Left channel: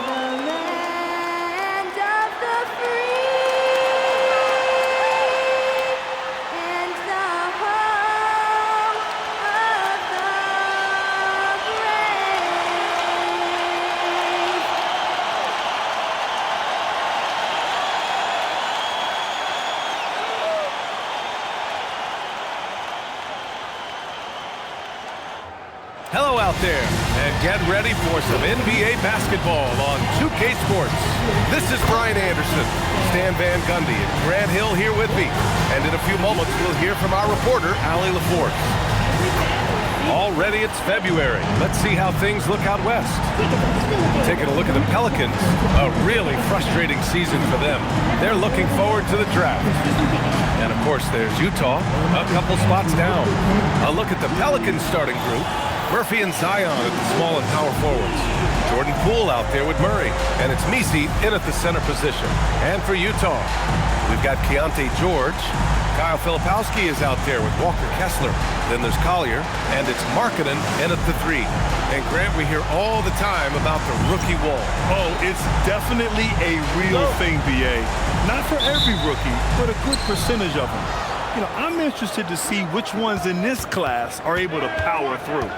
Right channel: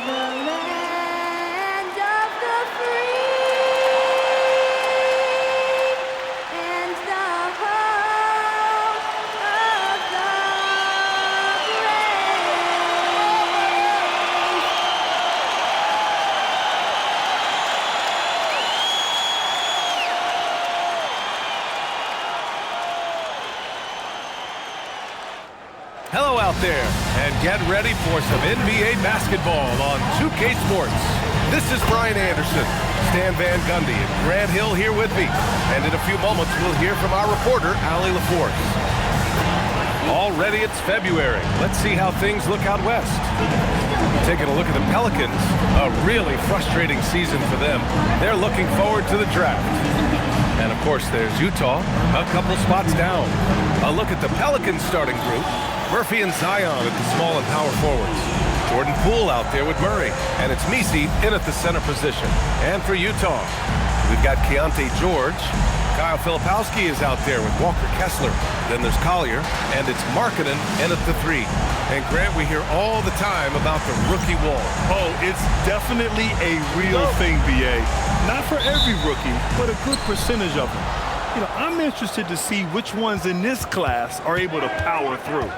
the land of the free and the home of the brave. Hello out there, and get ready for some NBA basketball on 2K Sports. This is Brian Anderson, Stan Van Gundy, and Grant Hill here with me. And in a few moments, we'll hear from our reporter, Allie LaForce. Already it's February. Let's see how things look out west. Taking a look at the Pelicans, a really frustrating season for them. They're looking forward to the draft. And of course, there's Utah, a couple spots down. A look at the Pelicans starting group. Murphy and Zion at the small and power forwards. Jordan Poole out there with Murray. And it's Misi in at the center position. And for Utah, we've got Keontae George. Kyle Filipowski is out there with Walker Kessler. Then there's Collier. And it's Markkanen in at the 3. And Grant, we hear all the time about the rookie wall. Oh, it's definitely a real thing, BA. Not for every rookie, but a good percentage of them. You know, I'm interested to see which ones in this class are able to power through.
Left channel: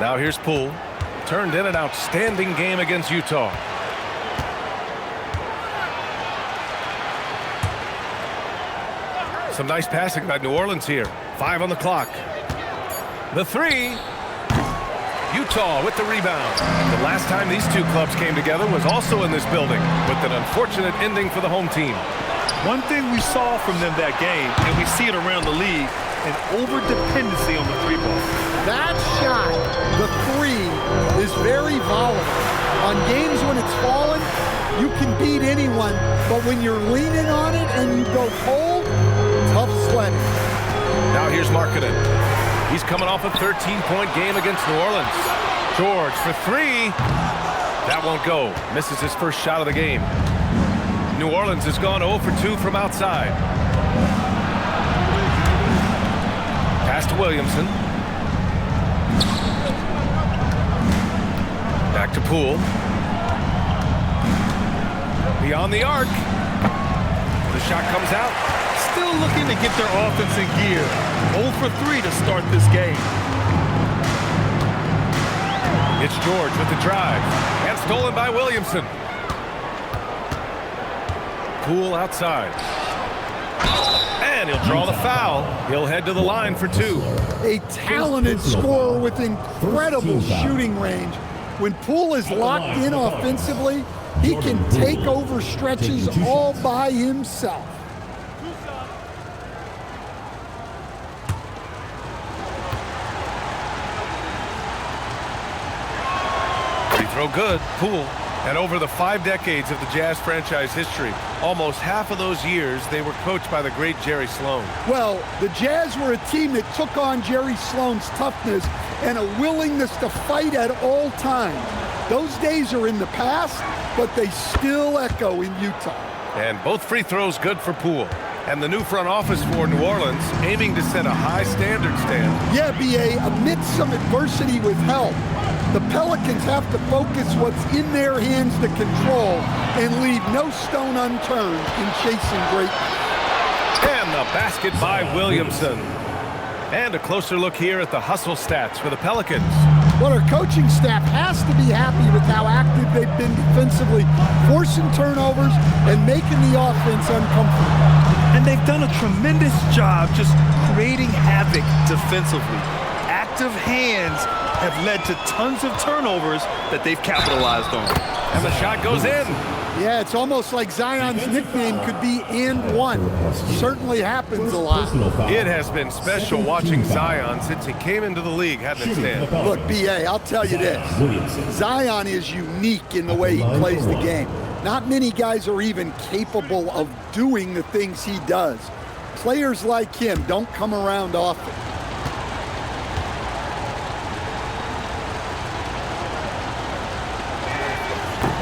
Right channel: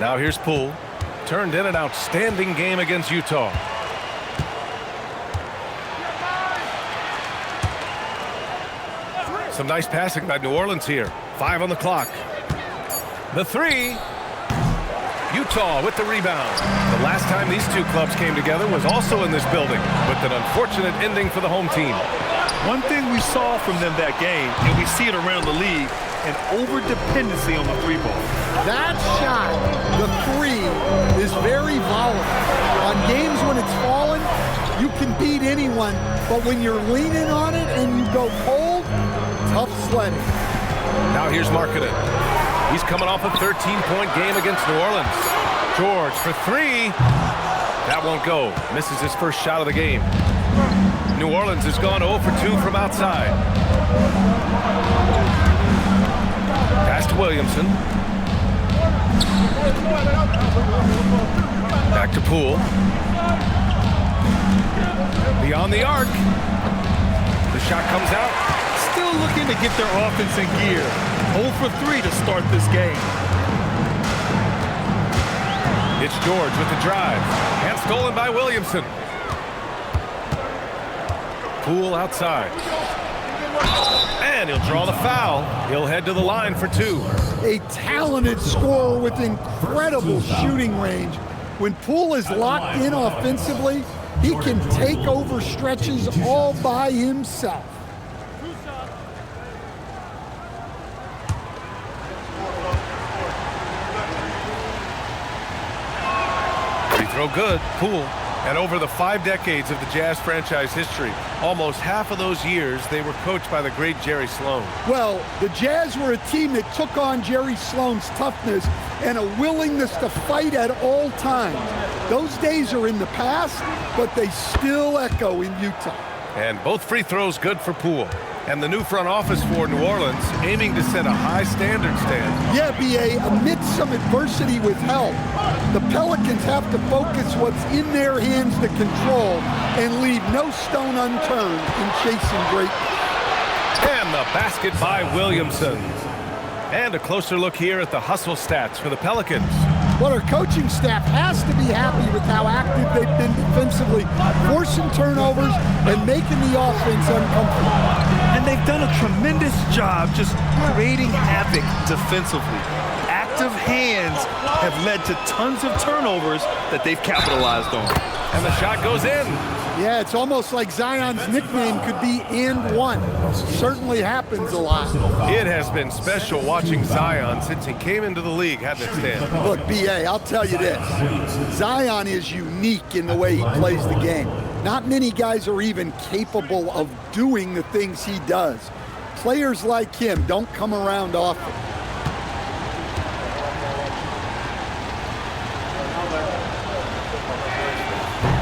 Now here's Poole. Turned in an outstanding game against Utah. Some nice passing by New Orleans here. 5 on the clock. The 3. Utah with the rebound. The last time these two clubs came together was also in this building, with an unfortunate ending for the home team. One thing we saw from them that game, and we see it around the league, an over-dependency on the 3-ball. That shot, the 3, is very volatile. On games when it's falling, you can beat anyone, but when you're leaning on it and you go cold, tough sledding. Now here's Markkanen. He's coming off a 13-point game against New Orleans. George for 3. That won't go. Misses his first shot of the game. New Orleans has gone 0 for 2 from outside. Pass to Williamson. Back to Poole. Beyond the arc. The shot comes out. Still looking to get their offense in gear. 0 for 3 to start this game. It's George with the drive. And stolen by Williamson. Poole outside. And he'll draw the foul. He'll head to the line for 2. A talented scorer with incredible shooting range. When Poole is locked in offensively, he can take over stretches all by himself. Free throw good. Poole. And over the 5 decades of the Jazz franchise history, almost half of those years, they were coached by the great Jerry Sloan. Well, the Jazz were a team that took on Jerry Sloan's toughness and a willingness to fight at all times. Those days are in the past, but they still echo in Utah. And both free throws good for Poole. And the new front office for New Orleans aiming to set a high standard, Stan. Yeah, BA, amidst some adversity with help, the Pelicans have to focus what's in their hands to control and leave no stone unturned in chasing greatness. And the basket by Williamson. And a closer look here at the hustle stats for the Pelicans. Well, our coaching staff has to be happy with how active they've been defensively, forcing turnovers and making the offense uncomfortable. And they've done a tremendous job just creating havoc defensively. Active hands have led to tons of turnovers that they've capitalized on. And the shot goes in. Yeah, it's almost like Zion's nickname could be "and one." Certainly happens a lot. It has been special watching Zion since he came into the league, hasn't it, Stan? Look, BA, I'll tell you this. Zion is unique in the way he plays the game. Not many guys are even capable of doing the things he does. Players like him don't come around often.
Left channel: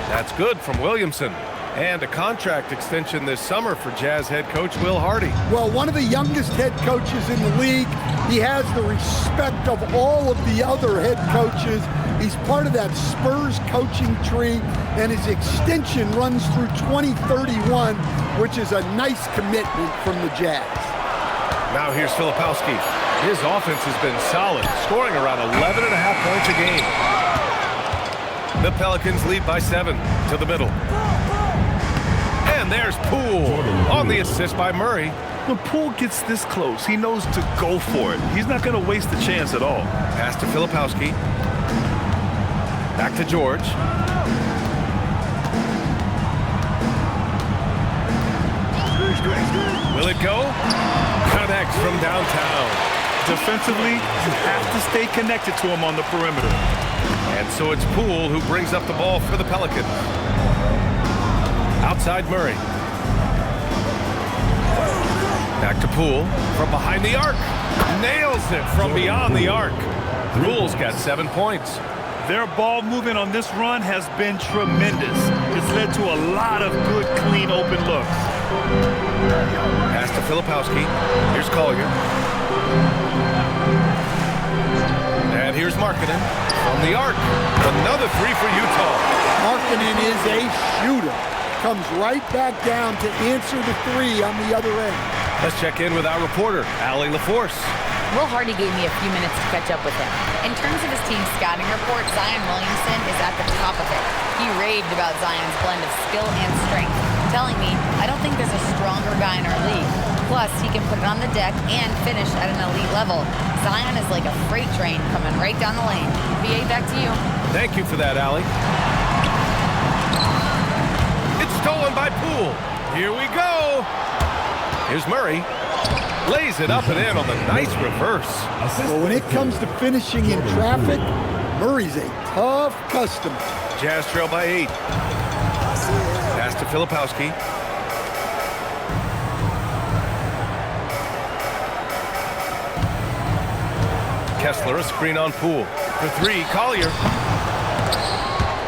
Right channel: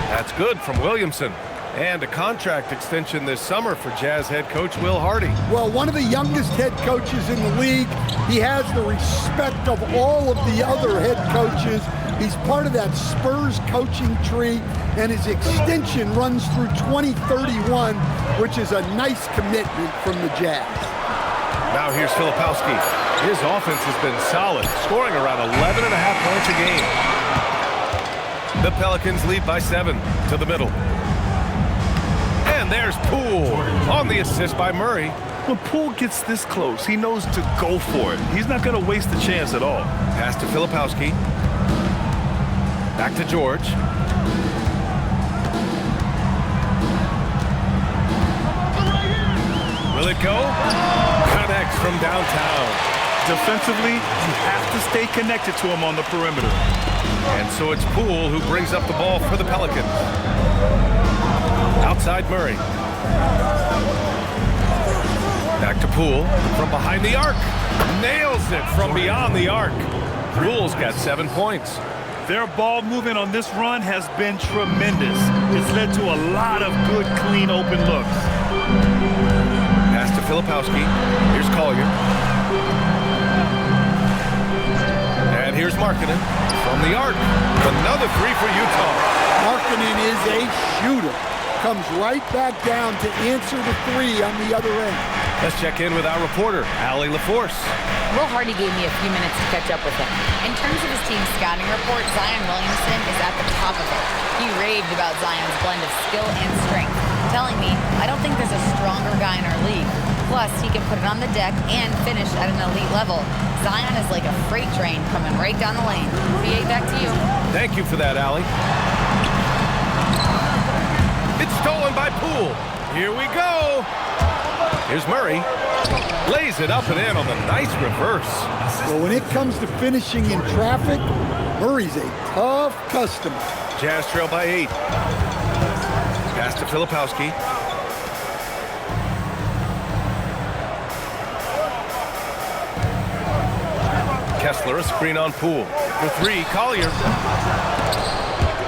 That's good from Williamson. And a contract extension this summer for Jazz head coach Will Hardy. Well, one of the youngest head coaches in the league. He has the respect of all of the other head coaches. He's part of that Spurs coaching tree, and his extension runs through 2031, which is a nice commitment from the Jazz. Now here's Filipowski. His offense has been solid, scoring around 11.5 points a game. The Pelicans lead by 7 to the middle. And there's Poole on the assist by Murray. When Poole gets this close, he knows to go for it. He's not going to waste the chance at all. Pass to Filipowski. Back to George. Will it go? Connects from downtown. Defensively, you have to stay connected to him on the perimeter. And so it's Poole who brings up the ball for the Pelicans. Outside Murray. Back to Poole from behind the arc. Nails it from beyond the arc. Poole's got 7 points. Their ball movement on this run has been tremendous. It's led to a lot of good, clean, open looks. Pass to Filipowski. Here's Collier. And here's Markkanen from the arc. Another 3 for Utah. Markkanen is a shooter. Comes right back down to answer the 3 on the other end. Let's check in with our reporter, Allie LaForce. Will Hardy gave me a few minutes to catch up with him. In terms of his team's scouting report, Zion Williamson is at the top of it. He raved about Zion's blend of skill and strength, telling me, I don't think there's a stronger guy in our league. Plus, he can put it on the deck and finish at an elite level. Zion is like a freight train coming right down the lane. VA, back to you. Thank you for that, Allie. It's stolen by Poole. Here we go. Here's Murray. Lays it up and in on the nice reverse. Well, when it comes to finishing in traffic, Murray's a tough customer. Jazz trail by 8. Pass to Filipowski. Kessler, a screen on Poole. For 3, Collier.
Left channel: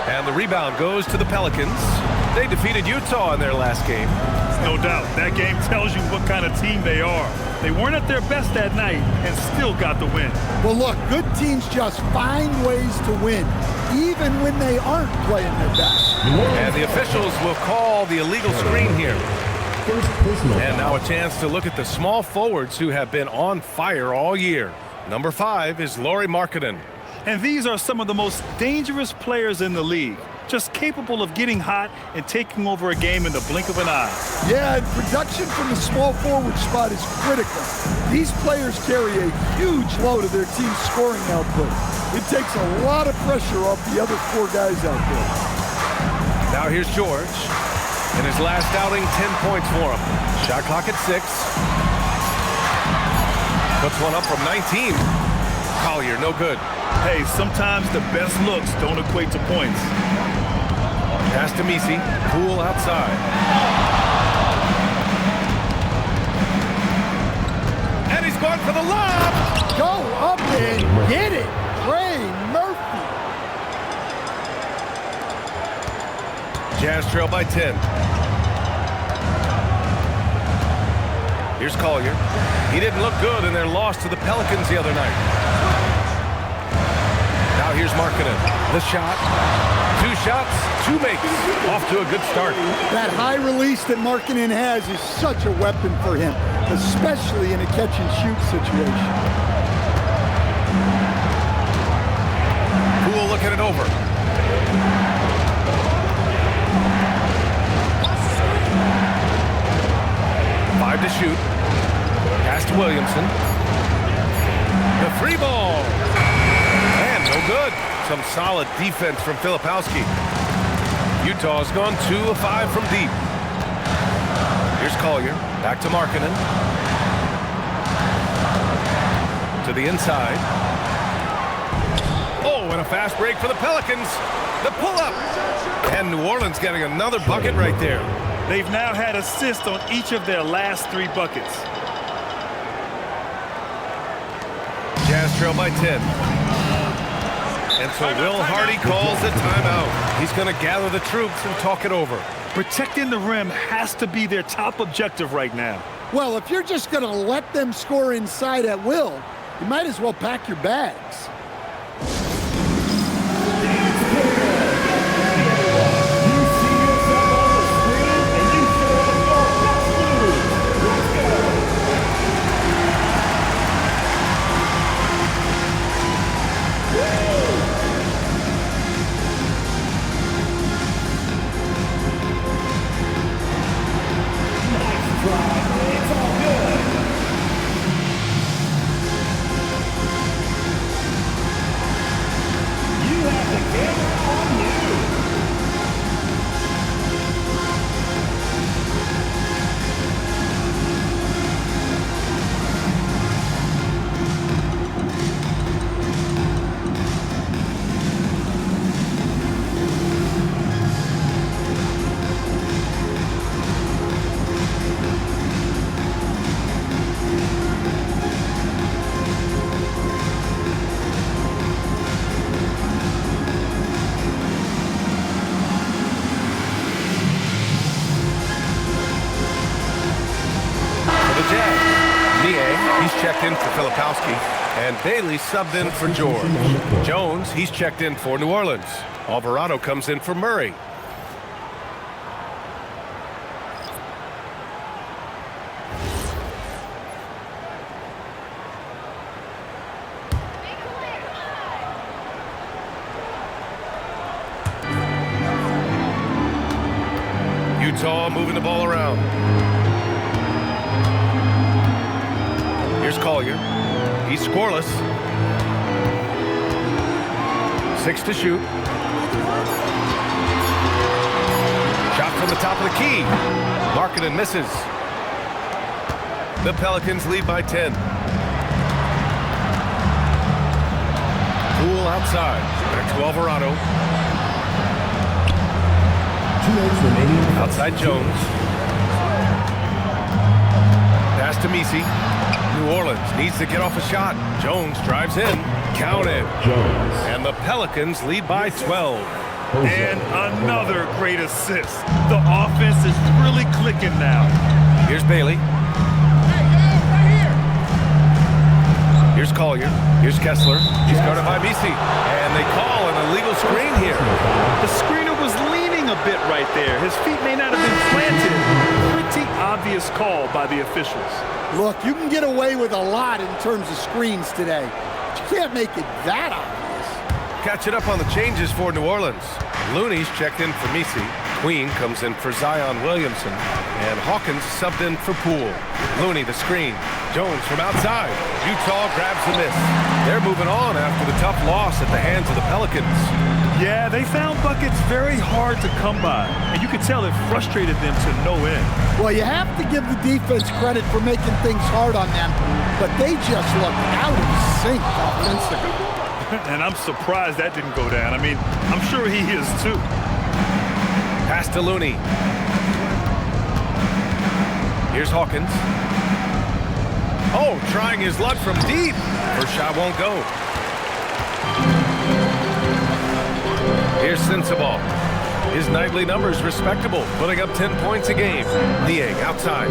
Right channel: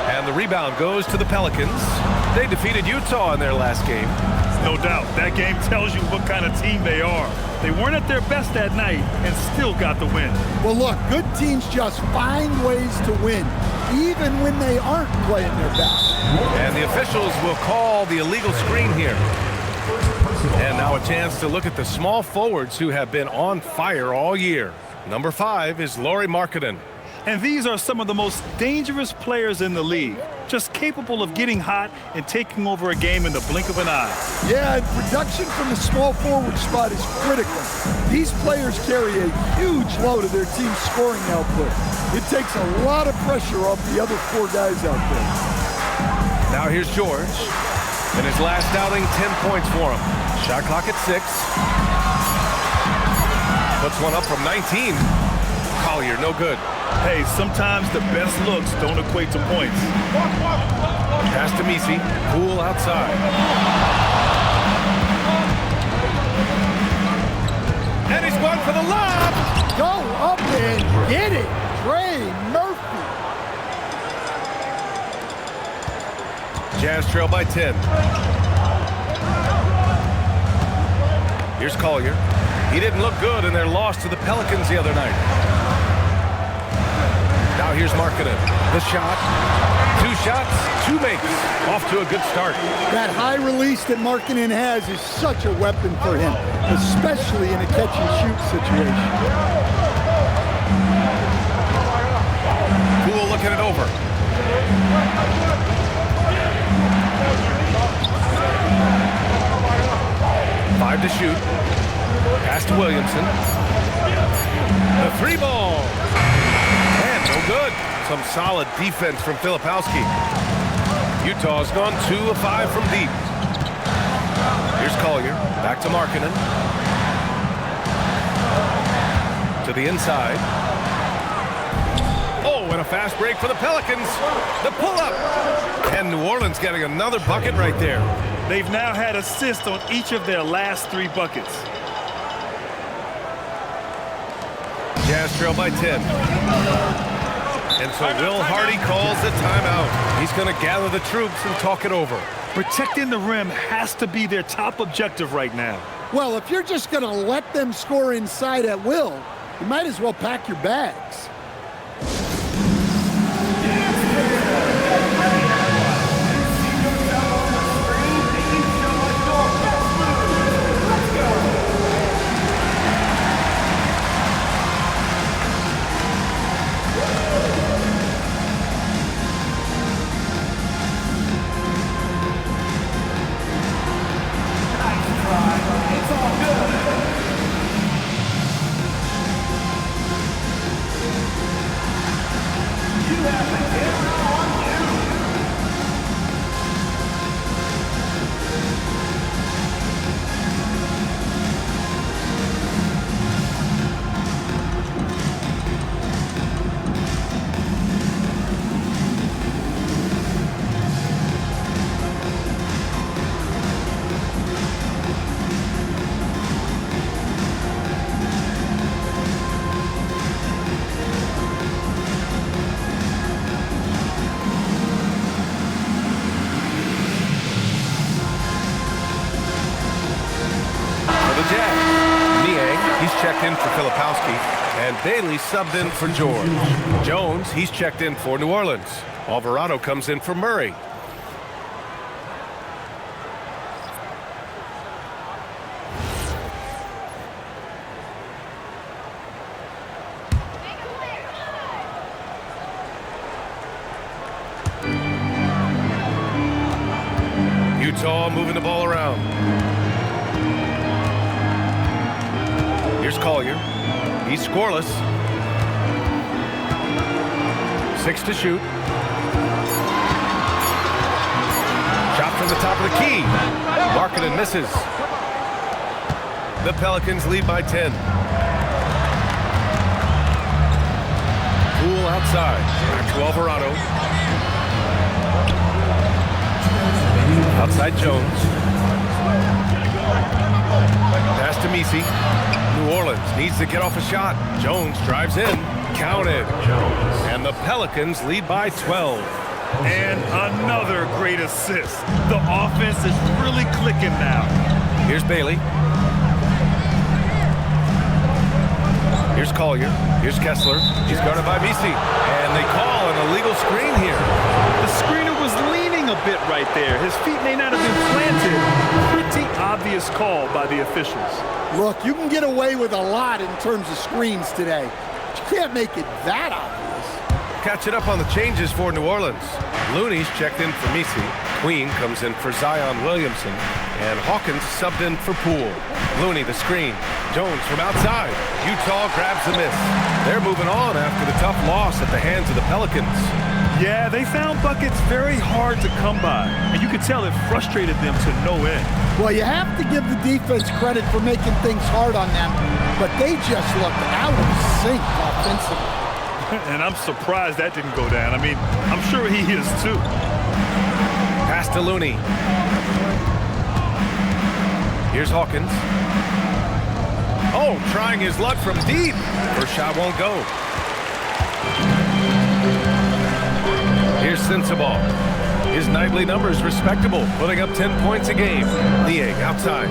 And the rebound goes to the Pelicans. They defeated Utah in their last game. No doubt, that game tells you what kind of team they are. They weren't at their best that night and still got the win. Well, look, good teams just find ways to win, even when they aren't playing their best. And the officials will call the illegal screen here. And now a chance to look at the small forwards who have been on fire all year. Number 5 is Lauri Markkanen. And these are some of the most dangerous players in the league, just capable of getting hot and taking over a game in the blink of an eye. Yeah, and production from the small forward spot is critical. These players carry a huge load of their team's scoring output. It takes a lot of pressure off the other 4 guys out there. Now here's George. In his last outing, 10 points for him. Shot clock at 6. Puts one up from 19. Collier, no good. Hey, sometimes the best looks don't equate to points. Pass to Misi. Poole outside. And he's gone for the lob. Go up and get it, Trey Murphy. Jazz trail by 10. Here's Collier. He didn't look good in their loss to the Pelicans the other night. Now here's Markkanen. The shot. 2 shots, 2 makes. Off to a good start. That high release that Markkanen has is such a weapon for him, especially in a catch-and-shoot situation. Poole looking it over. Five to shoot. Pass to Williamson. The 3 ball. And no good. Some solid defense from Filipowski. Utah's gone 2 of 5 from deep. Here's Collier. Back to Markkanen. To the inside. Oh, and a fast break for the Pelicans. The pull-up. And New Orleans getting another bucket right there. They've now had assists on each of their last 3 buckets. Jazz trail by 10. And so Will Hardy calls a timeout. He's going to gather the troops and talk it over. Protecting the rim has to be their top objective right now. Well, if you're just going to let them score inside at will, you might as well pack your bags. He's checked in for Filipowski, and Bailey subbed in for George. Jones, he's checked in for New Orleans. Alvarado comes in for Murray. Utah moving the ball around. Here's Collier. He's scoreless. 6 to shoot. Shot from the top of the key. Markkanen misses. The Pelicans lead by 10. Poole outside. Back to Alvarado. Outside Jones. Pass to Misi. New Orleans needs to get off a shot. Jones drives in. Counted. Jones. And the Pelicans lead by 12. And another great assist. The offense is really clicking now. Here's Bailey. Here's Collier. Here's Kessler. He's guarded by Misi. And they call an illegal screen here. The screener was leaning a bit right there. His feet may not have been planted. Pretty obvious call by the officials. Look, you can get away with a lot in terms of screens today, but you can't make it that obvious. Catching up on the changes for New Orleans. Looney's checked in for Misi. Queen comes in for Zion Williamson. And Hawkins subbed in for Poole. Looney the screen. Jones from outside. Utah grabs the miss. They're moving on after the tough loss at the hands of the Pelicans. Yeah, they found buckets very hard to come by, and you could tell it frustrated them to no end. Well, you have to give the defense credit for making things hard on them, but they just looked out of sync offensively. And I'm surprised that didn't go down. I mean, I'm sure he is too. Pass to Looney. Here's Hawkins. Oh, trying his luck from deep. First shot won't go. Here's Sensabaugh. His nightly numbers respectable, putting up 10 points a game. Niang outside.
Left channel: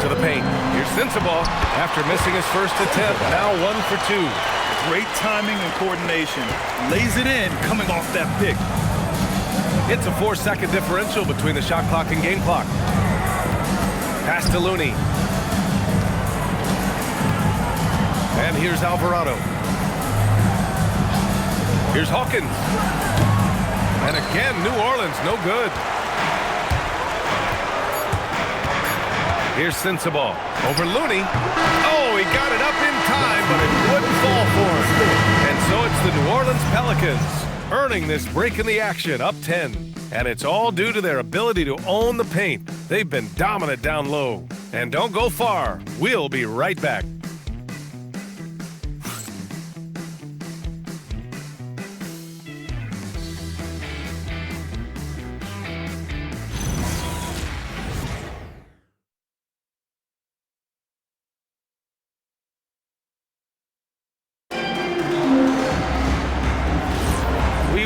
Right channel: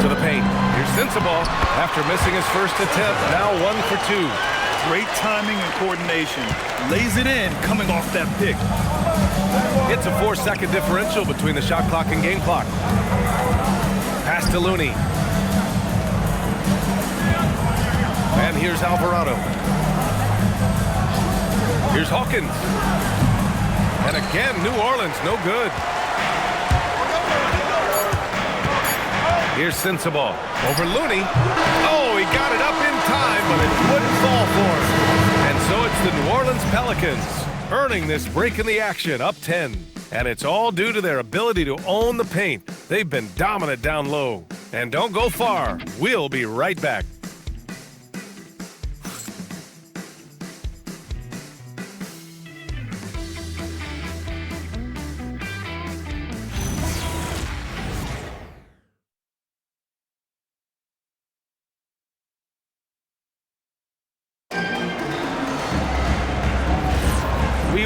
To the paint. Here's Sensabaugh. After missing his first attempt, now 1 for 2. Great timing and coordination. Lays it in coming off that pick. It's a 4-second differential between the shot clock and game clock. Pass to Looney. And here's Alvarado. Here's Hawkins. And again, New Orleans, no good. Here's Sensabaugh. Over Looney. Oh, he got it up in time, but it wouldn't fall for him. And so it's the New Orleans Pelicans earning this break in the action, up 10. And it's all due to their ability to own the paint. They've been dominant down low. And don't go far. We'll be right back.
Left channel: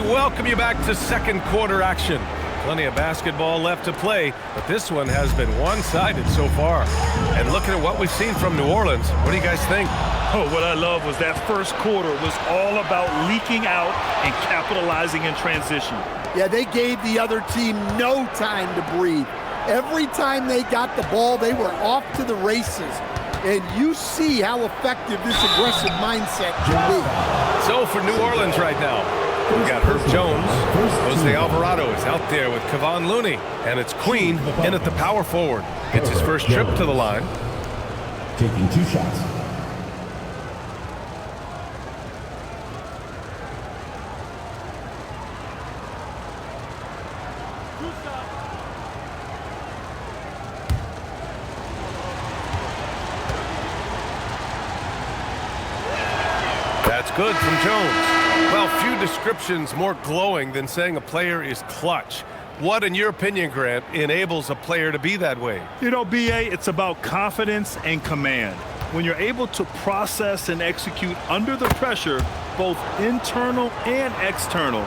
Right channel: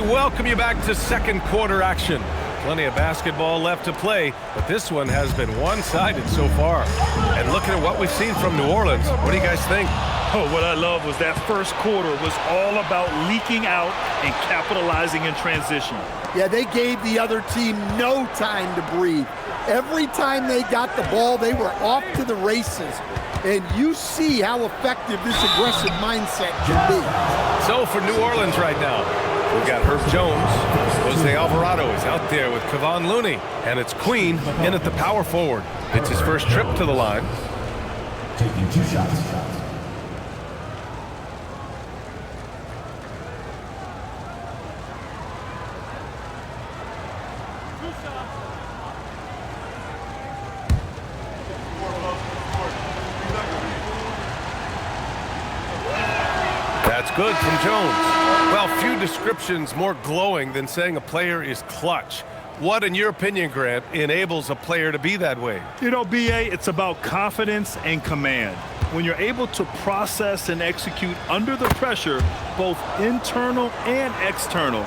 welcome you back to second quarter action. Plenty of basketball left to play, but this one has been one-sided so far. And looking at what we've seen from New Orleans, what do you guys think? Oh, what I love was that first quarter was all about leaking out and capitalizing in transition. Yeah, they gave the other team no time to breathe. Every time they got the ball, they were off to the races. And you see how effective this aggressive mindset can be. So for New Orleans right now, we've got Herb Jones. Jose Alvarado is out there with Kevon Looney. And it's Queen in at the power forward. It's his first trip to the line. Taking 2 shots. That's good from Jones. Well, few descriptions more glowing than saying a player is clutch. What, in your opinion, Grant, enables a player to be that way? You know, B.A., it's about confidence and command. When you're able to process and execute under the pressure, both internal and external,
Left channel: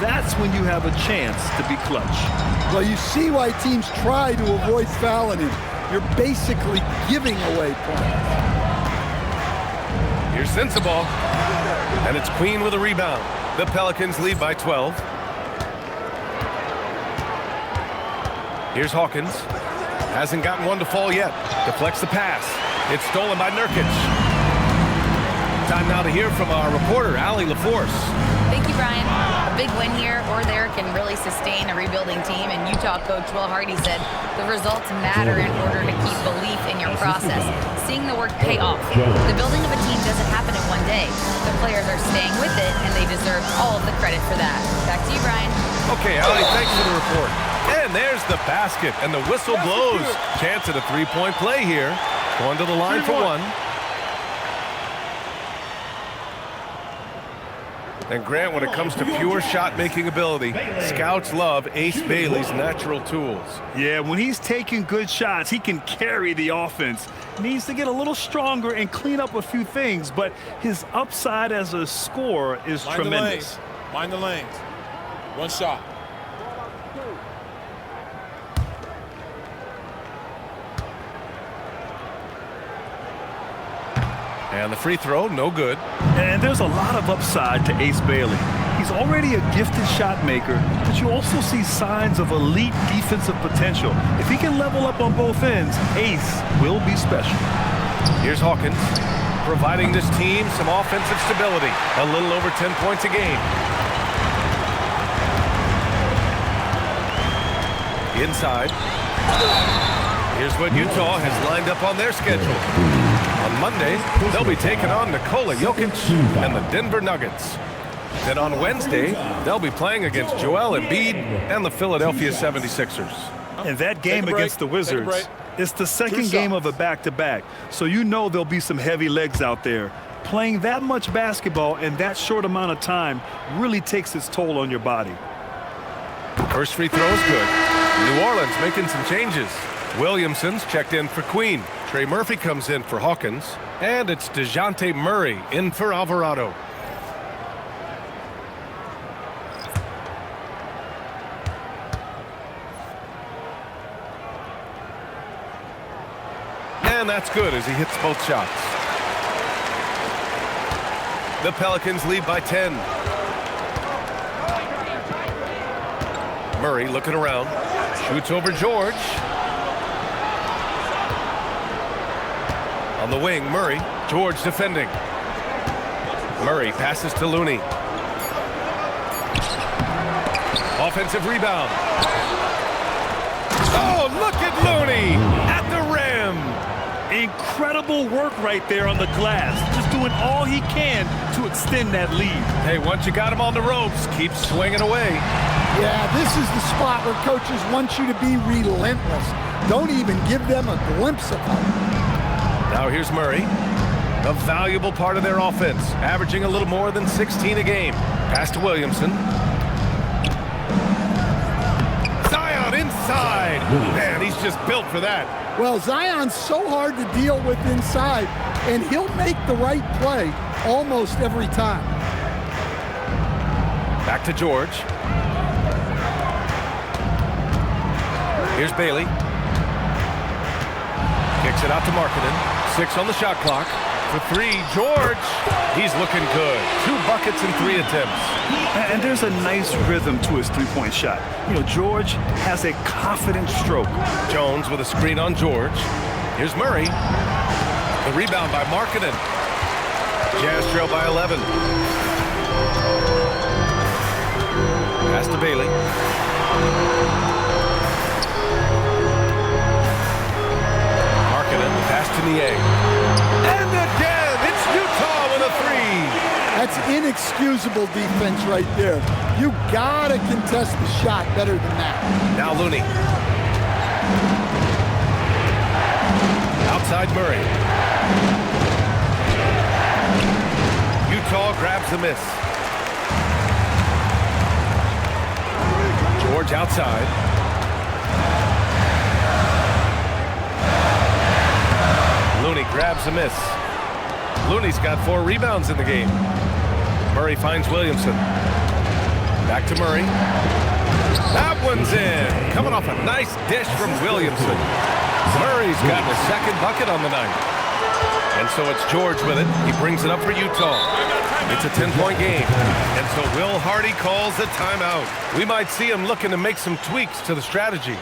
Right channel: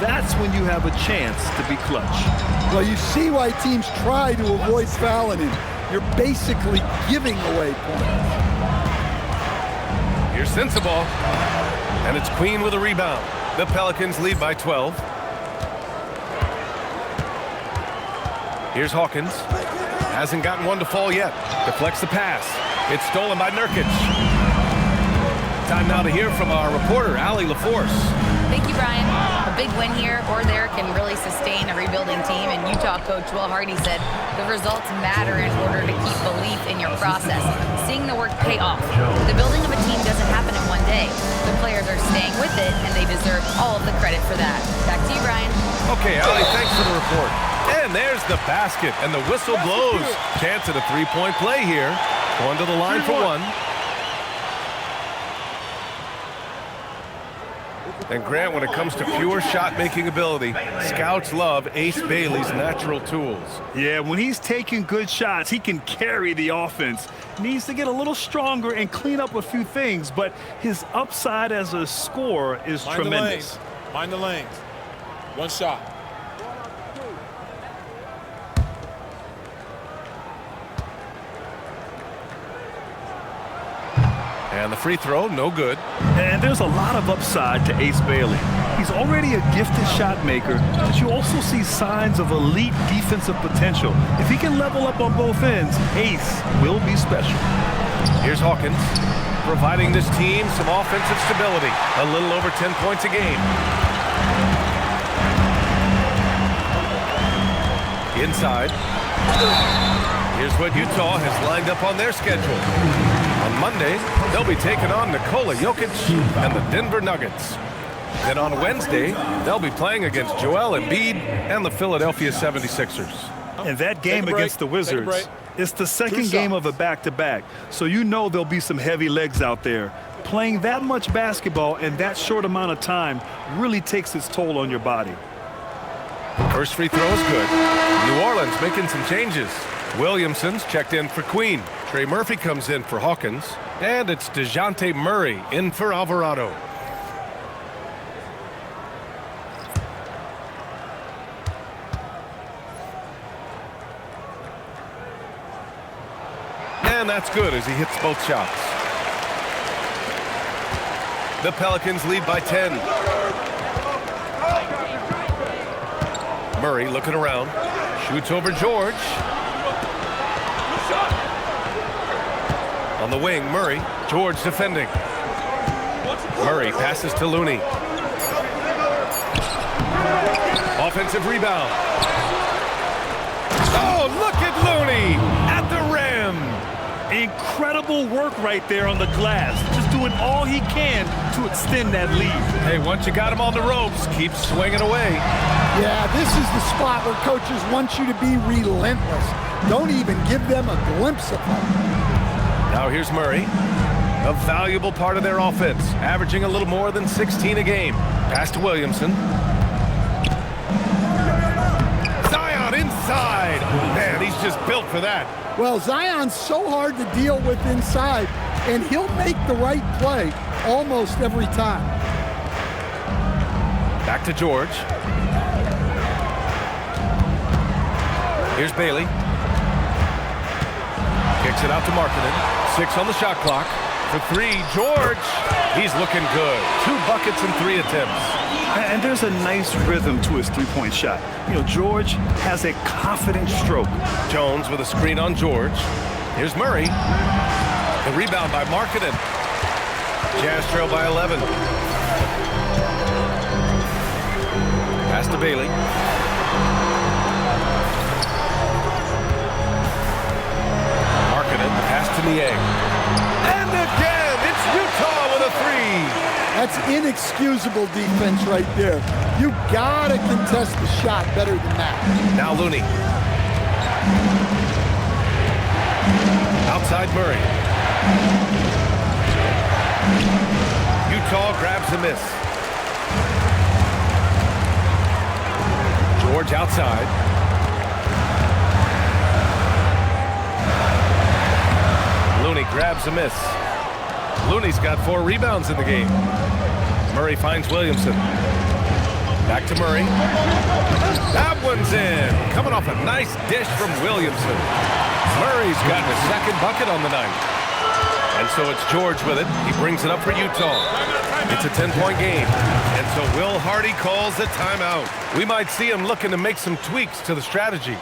that's when you have a chance to be clutch. Well, you see why teams try to avoid fouling him. You're basically giving away points. Here's Sensabaugh, and it's Queen with a rebound. The Pelicans lead by 12. Here's Hawkins. Hasn't gotten one to fall yet. Deflects the pass. It's stolen by Nurkic. Time now to hear from our reporter, Allie LaForce. Thank you, Brian. A big win here or there can really sustain a rebuilding team, and Utah coach Will Hardy said the results matter in order to keep belief in your process. Seeing the work pay off. The building of a team doesn't happen in one day. The players are staying with it, and they deserve all of the credit for that. Back to you, Brian. Okay, Allie, thanks for the report. And there's the basket, and the whistle blows. Chance at a three-point play here. Going to the line for one. And Grant, when it comes to pure shot-making ability, scouts love Ace Bailey's natural tools. Yeah, when he's taking good shots, he can carry the offense. Needs to get a little stronger and clean up a few things, but his upside as a scorer is tremendous. Mind the lanes. One shot. And the free throw, no good. And there's a lot of upside to Ace Bailey. He's already a gifted shot maker, but you also see signs of elite defensive potential. If he can level up on both ends, Ace will be special. Here's Hawkins, providing this team some offensive stability. A little over 10 points a game. Inside. Here's what Utah has lined up on their schedule. On Monday, they'll be taking on Nikola Jokic and the Denver Nuggets. Then on Wednesday, they'll be playing against Joel Embiid and the Philadelphia 76ers. And that game against the Wizards, it's the second game of a back-to-back, so you know there'll be some heavy legs out there. Playing that much basketball in that short amount of time really takes its toll on your body. First free throw is good. New Orleans making some changes. Williamson's checked in for Queen. Trey Murphy comes in for Hawkins. And it's DeJounte Murray in for Alvarado. And that's good as he hits both shots. The Pelicans lead by 10. Murray looking around. Shoots over George. On the wing, Murray. George defending. Murray passes to Looney. Offensive rebound. Oh, look at Looney at the rim. Incredible work right there on the glass. Just doing all he can to extend that lead. Hey, once you got him on the ropes, keep swinging away. Yeah, this is the spot where coaches want you to be relentless. Don't even give them a glimpse of hope. Now here's Murray, a valuable part of their offense, averaging a little more than 16 a game. Pass to Williamson. Zion inside. Man, he's just built for that. Well, Zion's so hard to deal with inside, and he'll make the right play almost every time. Back to George. Here's Bailey. Kicks it out to Markkanen. 6 on the shot clock. For 3, George. He's looking good. 2 buckets in 3 attempts. And there's a nice rhythm to his three-point shot. You know, George has a confident stroke. Jones with a screen on George. Here's Murray. The rebound by Markkanen. Jazz trail by 11. Pass to Bailey. Markkanen, the pass to Niang. And again, it's Utah with a 3. That's inexcusable defense right there. You gotta contest the shot better than that. Now Looney. Outside Murray. Utah grabs the miss. George outside. Looney grabs a miss. Looney's got 4 rebounds in the game. Murray finds Williamson. Back to Murray. That one's in. Coming off a nice dish from Williamson. Murray's got his 2nd bucket on the night. And so it's George with it. He brings it up for Utah. It's a 10-point game. And so Will Hardy calls the timeout. We might see him looking to make some tweaks to the strategy.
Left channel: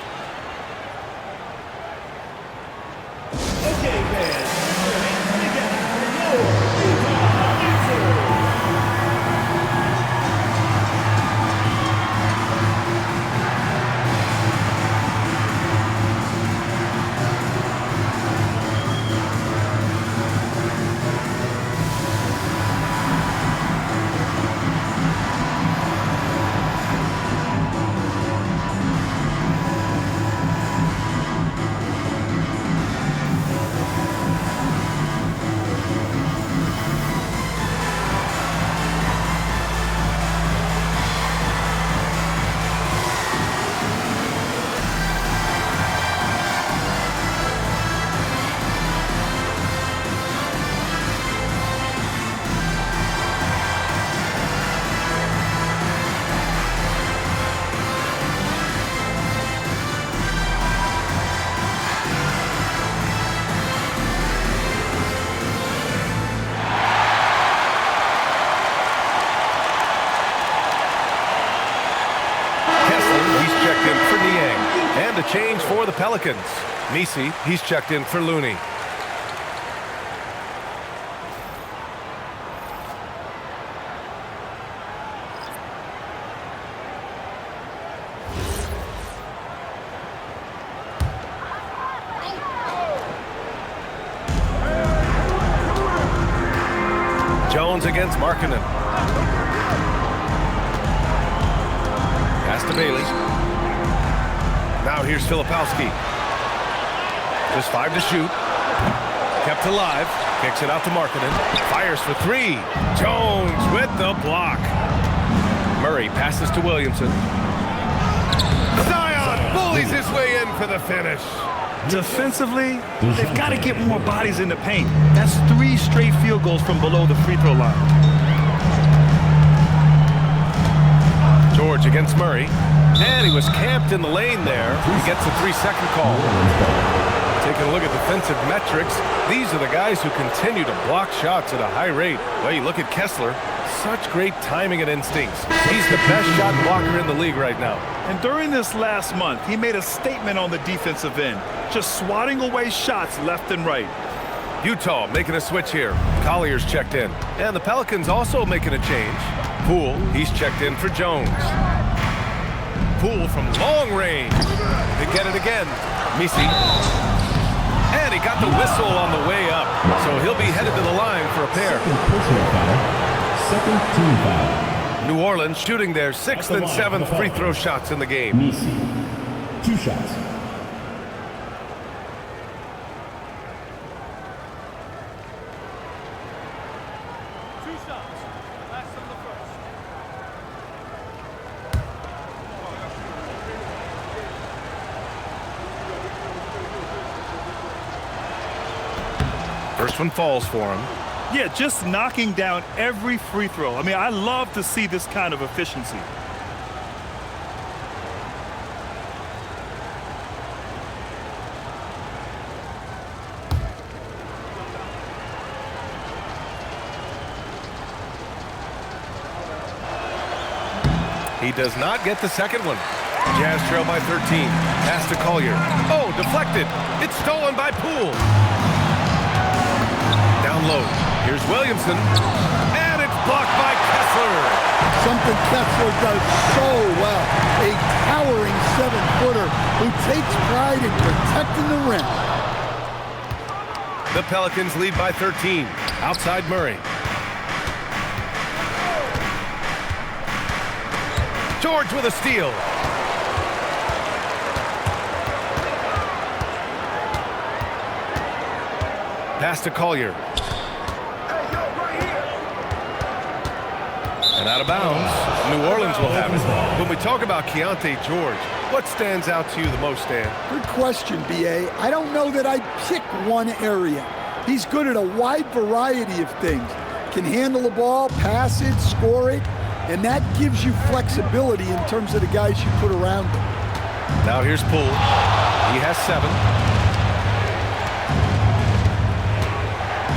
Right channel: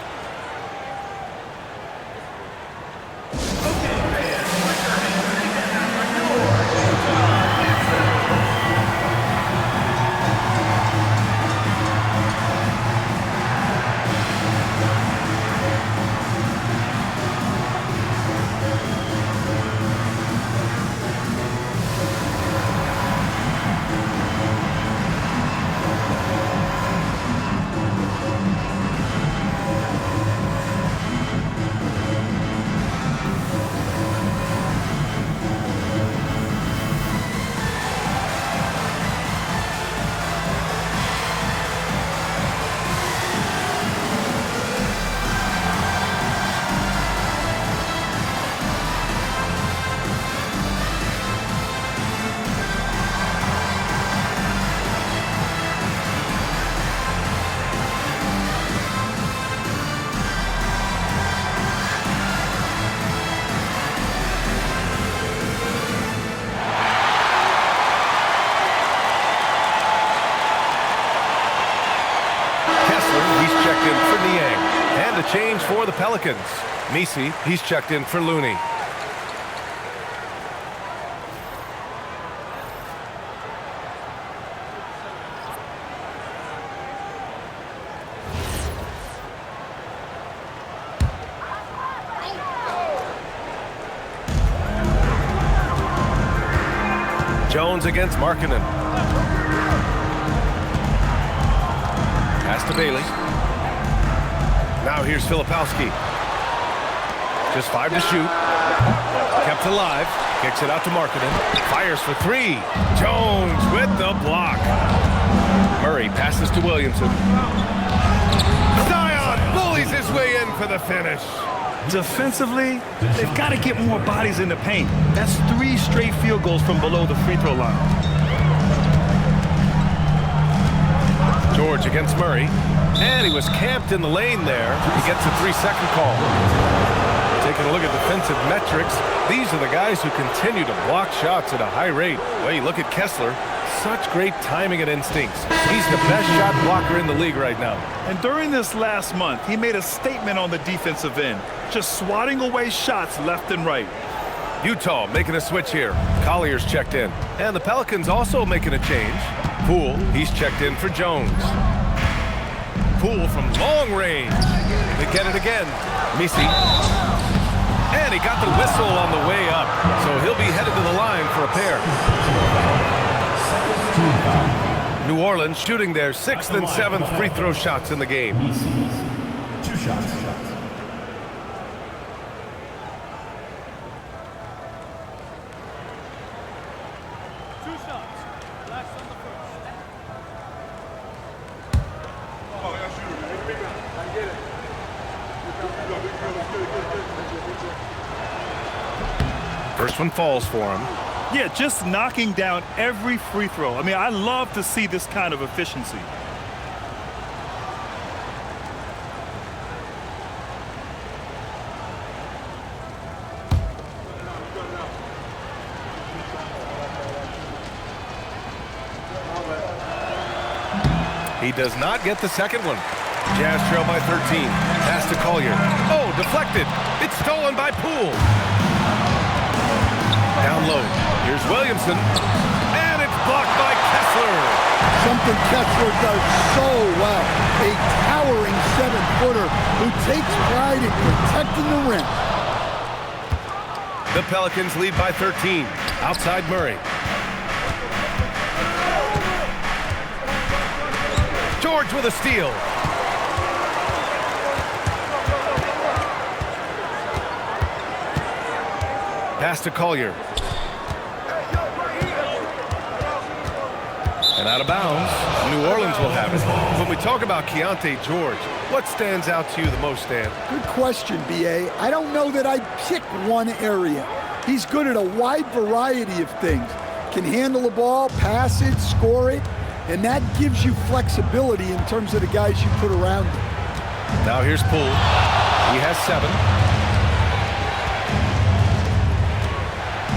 Checked in for Niang. And a change for the Pelicans. Misi, he's checked in for Looney. Jones against Markkanen. Pass to Bailey. Now here's Filipowski. Just 5 to shoot. Kept alive. Kicks it out to Markkanen. Fires for 3. Jones with the block. Murray passes to Williamson. Zion bullies his way in for the finish. Defensively, they've got to get more bodies in the paint. That's 3 straight field goals from below the free throw line. George against Murray. And he was camped in the lane there. He gets a 3-second call. Taking a look at defensive metrics, these are the guys who continue to block shots at a high rate. Well, you look at Kessler, such great timing and instincts. He's the best shot blocker in the league right now. And during this last month, he made a statement on the defensive end, just swatting away shots left and right. Utah making a switch here. Collier's checked in. And the Pelicans also making a change. Poole, he's checked in for Jones. Poole from long range. They get it again. Misi. And he got the whistle on the way up. So he'll be headed to the line for a pair. New Orleans shooting their 6th and 7th free throw shots in the game. Misi, 2 shots. First one falls for him. Yeah, just knocking down every free throw. I mean, I love to see this kind of efficiency. He does not get the second one. Jazz trail by 13. Pass to Collier. Oh, deflected. It's stolen by Poole. Down low. Here's Williamson. And it's blocked by Kessler. Something Kessler does so well. A towering 7-footer who takes pride in protecting the rim. The Pelicans lead by 13. Outside Murray. George with a steal. Pass to Collier. And out of bounds. New Orleans will have it. When we talk about Keontae George, what stands out to you the most, Stan? Good question, B.A. I don't know that I'd pick one area. He's good at a wide variety of things. Can handle the ball, pass it, score it, and that gives you flexibility in terms of the guys you put around him. Now here's Poole. He has 7.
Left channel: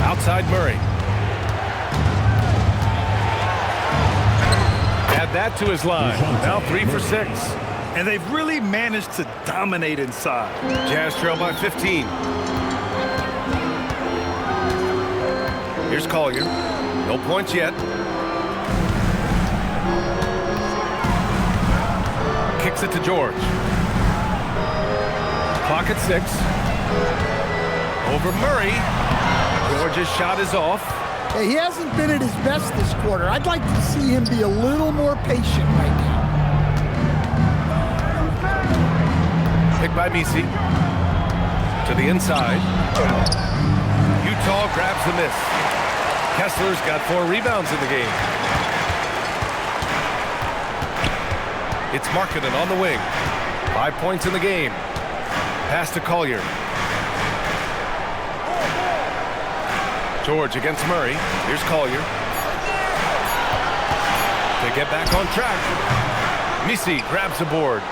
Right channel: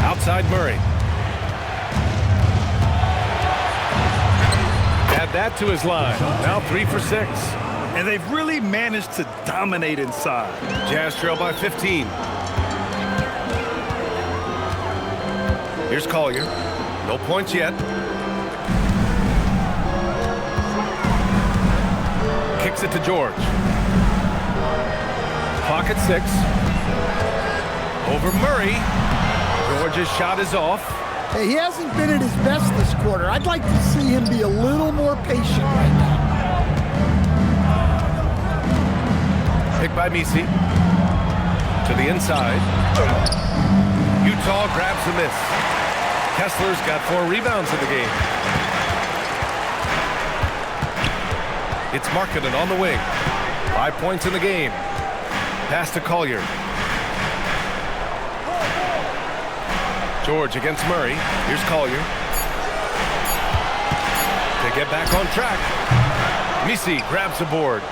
Outside Murray. Add that to his line. Now 3 for 6. And they've really managed to dominate inside. Jazz trail by 15. Here's Collier. No points yet. Kicks it to George. Clock at 6. Over Murray. George's shot is off. Hey, he hasn't been at his best this quarter. I'd like to see him be a little more patient right now. Picked by Misi. To the inside. Utah grabs the miss. Kessler's got 4 rebounds in the game. It's Markkanen on the wing. 5 points in the game. Pass to Collier. George against Murray. Here's Collier. To get back on track. Misi grabs the board.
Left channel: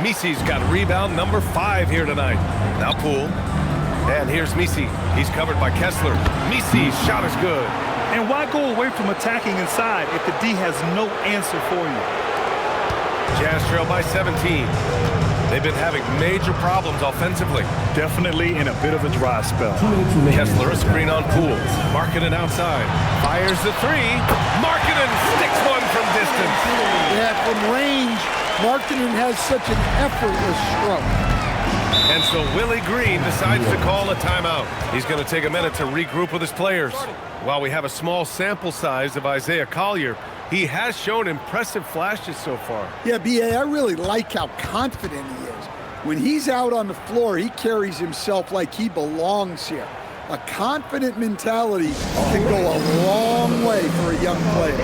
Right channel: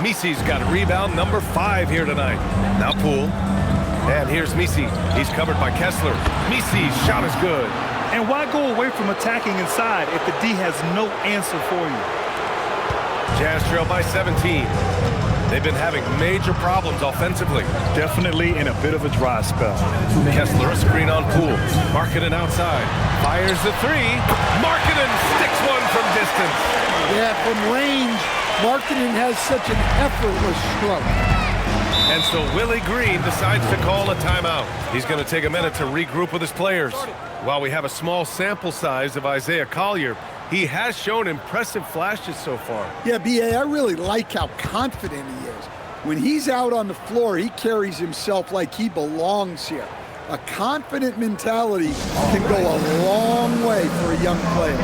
Misi's got rebound number 5 here tonight. Now Poole. And here's Misi. He's covered by Kessler. Misi's shot is good. And why go away from attacking inside if the D has no answer for you? Jazz trail by 17. They've been having major problems offensively. Definitely in a bit of a dry spell. Kessler, a screen on Poole. Markkanen outside. Fires the 3. Markkanen sticks one from distance. Yeah, from range, Markkanen has such an effortless stroke. And so Willie Green decides to call a timeout. He's going to take a minute to regroup with his players. While we have a small sample size of Isaiah Collier, he has shown impressive flashes so far. Yeah, B.A., I really like how confident he is. When he's out on the floor, he carries himself like he belongs here. A confident mentality can go a long way for a young player.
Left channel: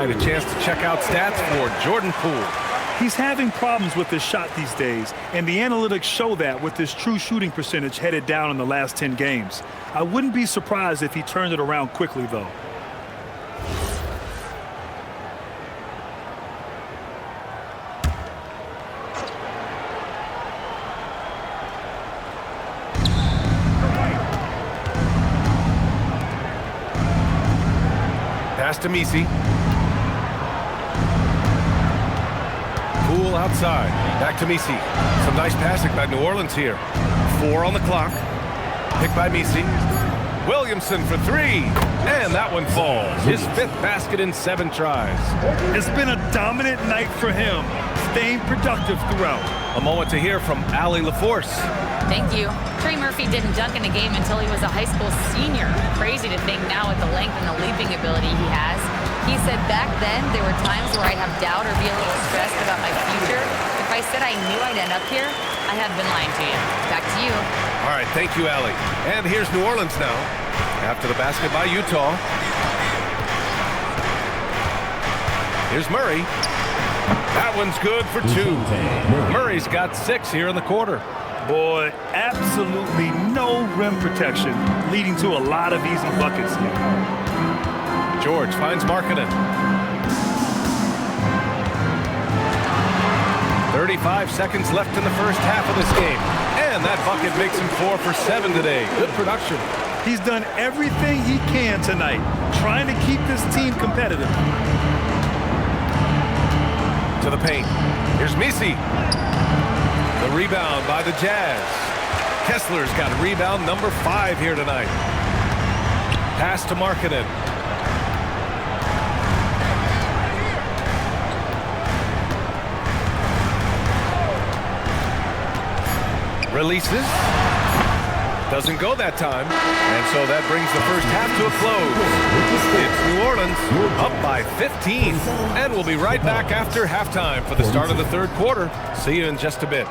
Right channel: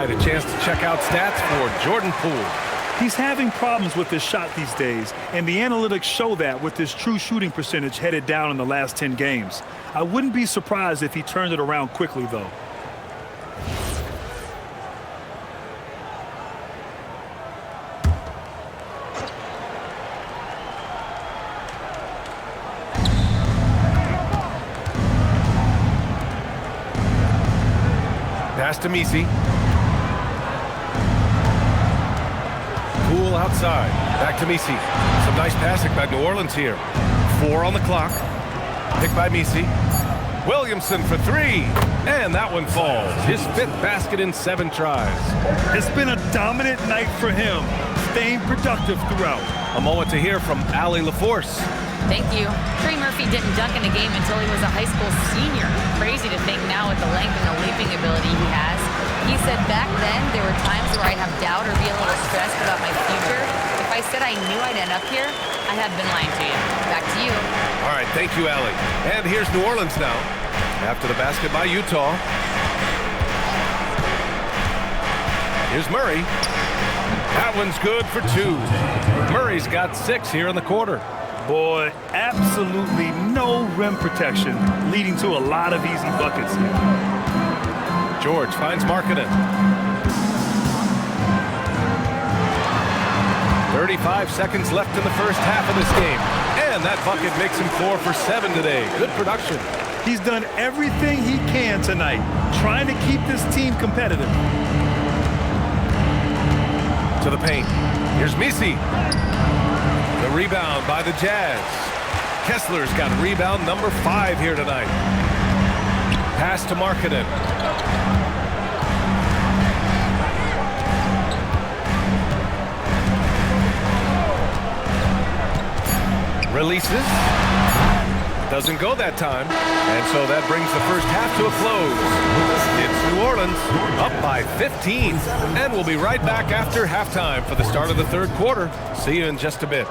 A chance to check out stats for Jordan Poole. He's having problems with his shot these days, and the analytics show that with his true shooting percentage headed down in the last 10 games. I wouldn't be surprised if he turned it around quickly, though. Pass to Misi. Poole outside. Back to Misi. Some nice passing by New Orleans here. 4 on the clock. Pick by Misi. Williamson for 3. And that one falls. His 5th basket in 7 tries. It's been a dominant night for him, staying productive throughout. A moment to hear from Allie LaForce. Thank you. Trey Murphy didn't dunk in a game until he was a high school senior. Crazy to think now with the length and the leaping ability he has. He said back then there were times where I'd have doubt or be a little stressed about my future. If I said I knew I'd end up here, I have been lying to you. Back to you. All right, thank you, Allie. And here's New Orleans now. After the basket by Utah. Here's Murray. That one's good for 2. Murray's got 6 here in the quarter. Boy, absolutely no rim protection, leading to a lot of easy buckets here. George finds Markkanen. 35 seconds left in the first half of this game. And that bucket makes him 4 for 7 today. Good production. He's done everything he can tonight, trying to keep this team competitive. To the paint. Here's Misi. The rebound by the Jazz. Kessler's got rebound number 5 here tonight. Pass to Markkanen. Releases. Doesn't go that time. And so that brings the first half to a close. It's New Orleans up by 15. And we'll be right back after halftime for the start of the 3rd quarter. See you in just a bit.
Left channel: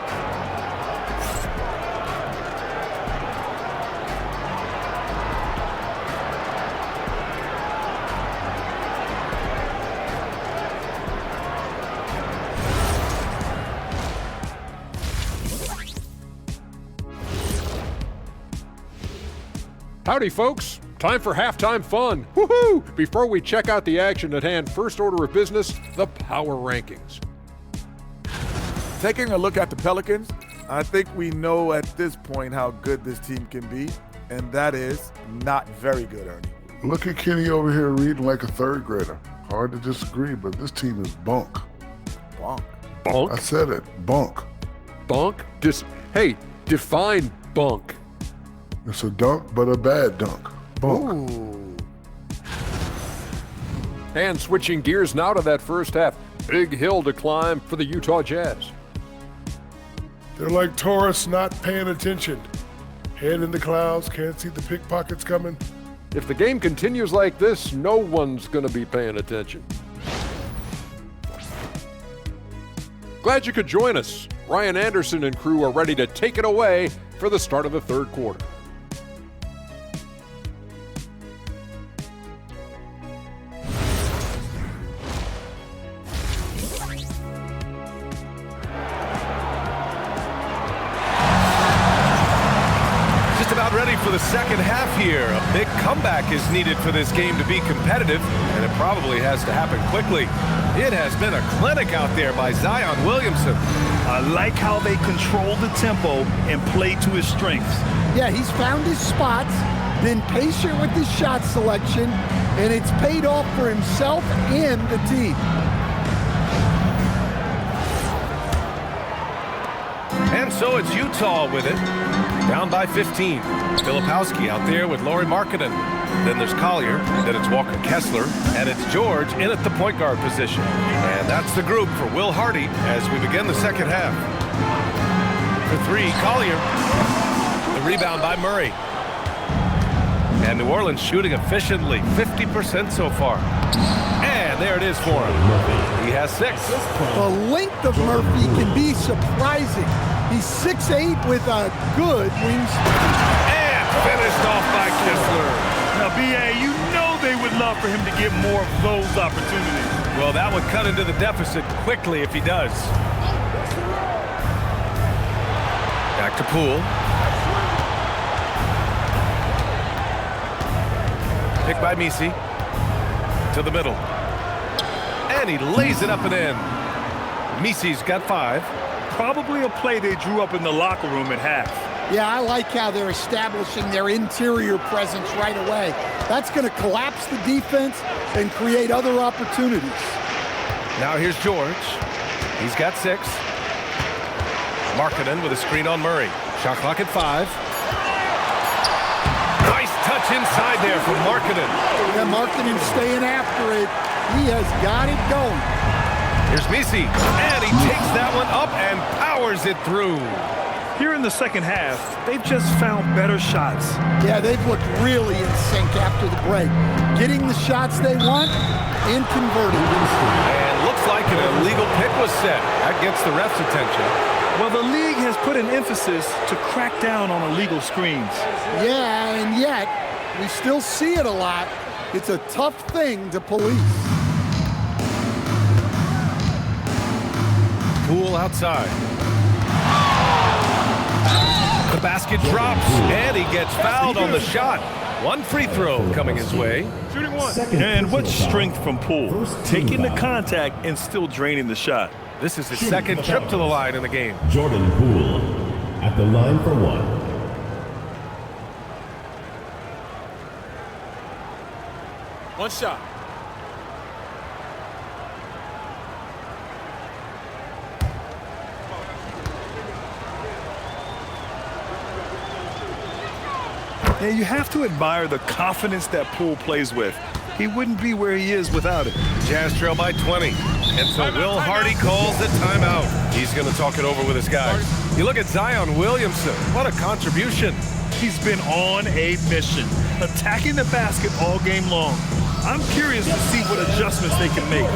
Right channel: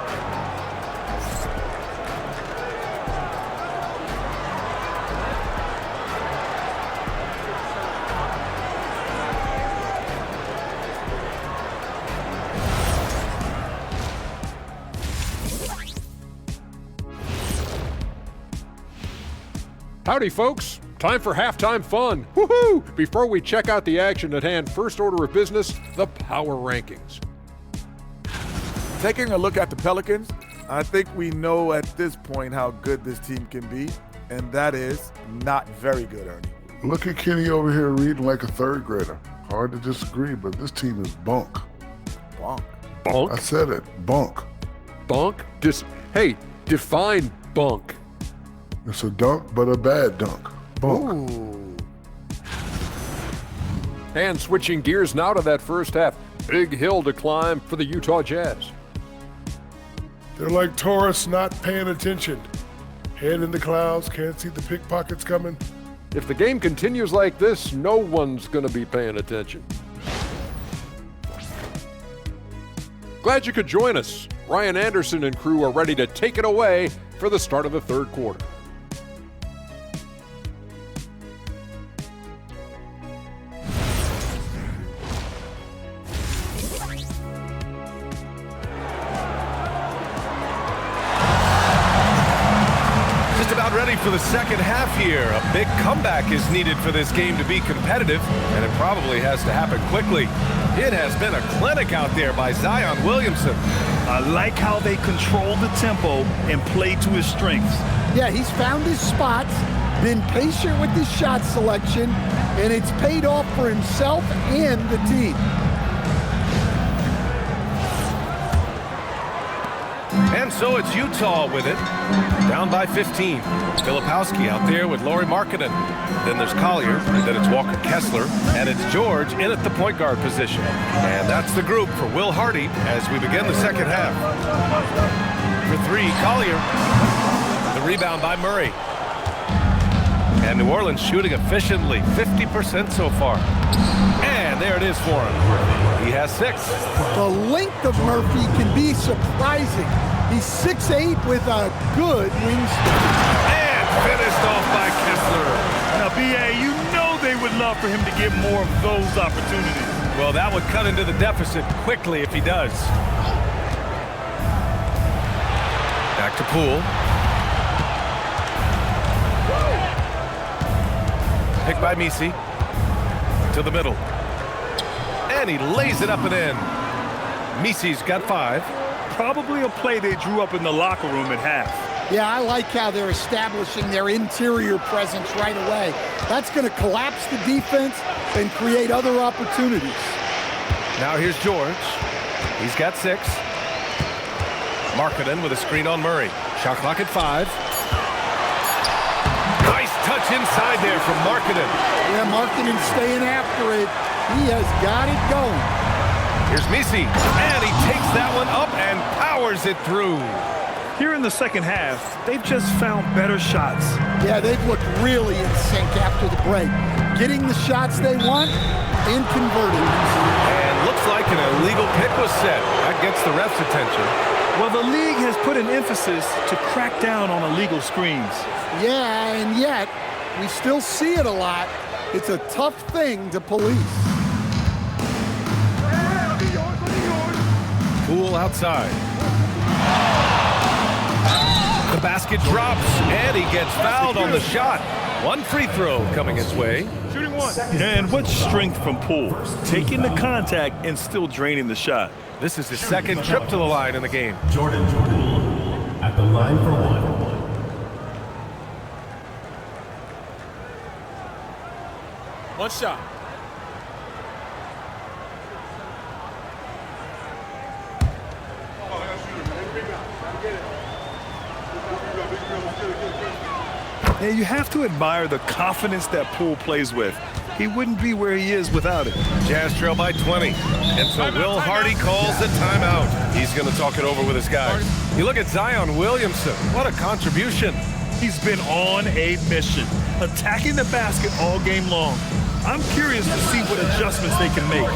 Howdy, folks. Time for halftime fun. Woohoo! Before we check out the action at hand, first order of business, the power rankings. Taking a look at the Pelicans, I think we know at this point how good this team can be, and that is not very good, Ernie. Look at Kenny over here reading like a 3rd grader. Hard to disagree, but this team is bunk. Bunk? Bunk? I said it, bunk. Bunk? Hey, define bunk. It's a dunk, but a bad dunk. Bunk. Ooh. And switching gears now to that first half. Big hill to climb for the Utah Jazz. They're like tourists not paying attention. Head in the clouds, can't see the pickpockets coming. If the game continues like this, no one's going to be paying attention. Glad you could join us. Ryan Anderson and crew are ready to take it away for the start of the 3rd quarter. Just about ready for the second half here. A big comeback is needed for this game to be competitive, and it probably has to happen quickly. It has been a clinic out there by Zion Williamson. I like how they control the tempo and play to his strengths. Yeah, he's found his spots, been patient with his shot selection, and it's paid off for himself and the team. And so it's Utah with it, down by 15. Filipowski out there with Lauri Markkanen. Then there's Collier, then it's Walker Kessler, and it's George in at the point guard position. And that's the group for Will Hardy as we begin the second half. For 3, Collier. The rebound by Murray. And New Orleans shooting efficiently, 50% so far. And there it is for him. He has 6. The length of Murphy can be surprising. He's 6'8" with a good wingspan. And finished off by Kessler. Now, B.A., you know they would love for him to get more of those opportunities. Well, that would cut into the deficit quickly if he does. Back to Poole. Pick by Misi. To the middle. And he lays it up and in. Misi's got 5. Probably a play they drew up in the locker room at half. Yeah, I like how they're establishing their interior presence right away. That's going to collapse the defense and create other opportunities. Now here's George. He's got 6. Markkanen with a screen on Murray. Shot clock at 5. Nice touch inside there from Markkanen. Yeah, Markkanen staying after it. He has got it going. Here's Misi, and he takes that one up and powers it through. Here in the second half, they've just found better shots. Yeah, they've looked really in sync after the break. Getting the shots they want and converting. And looks like an illegal pick was set. That gets the ref's attention. Well, the league has put an emphasis to crack down on illegal screens. Yeah, and yet, we still see it a lot. It's a tough thing to police. Poole outside. The basket drops, and he gets fouled on the shot. 1 free throw coming his way. Shooting 1. And what strength from Poole, taking the contact and still draining the shot. This is his second trip to the line in the game. Jordan Poole at the line for 1. One shot. Yeah, you have to admire the confidence that Poole plays with. He wouldn't be where he is without it. Jazz trail by 20. And so Will Hardy calls the timeout. He's going to talk it over with his guys. You look at Zion Williamson. What a contribution. He's been on a mission, attacking the basket all game long. I'm curious to see what adjustments they can make.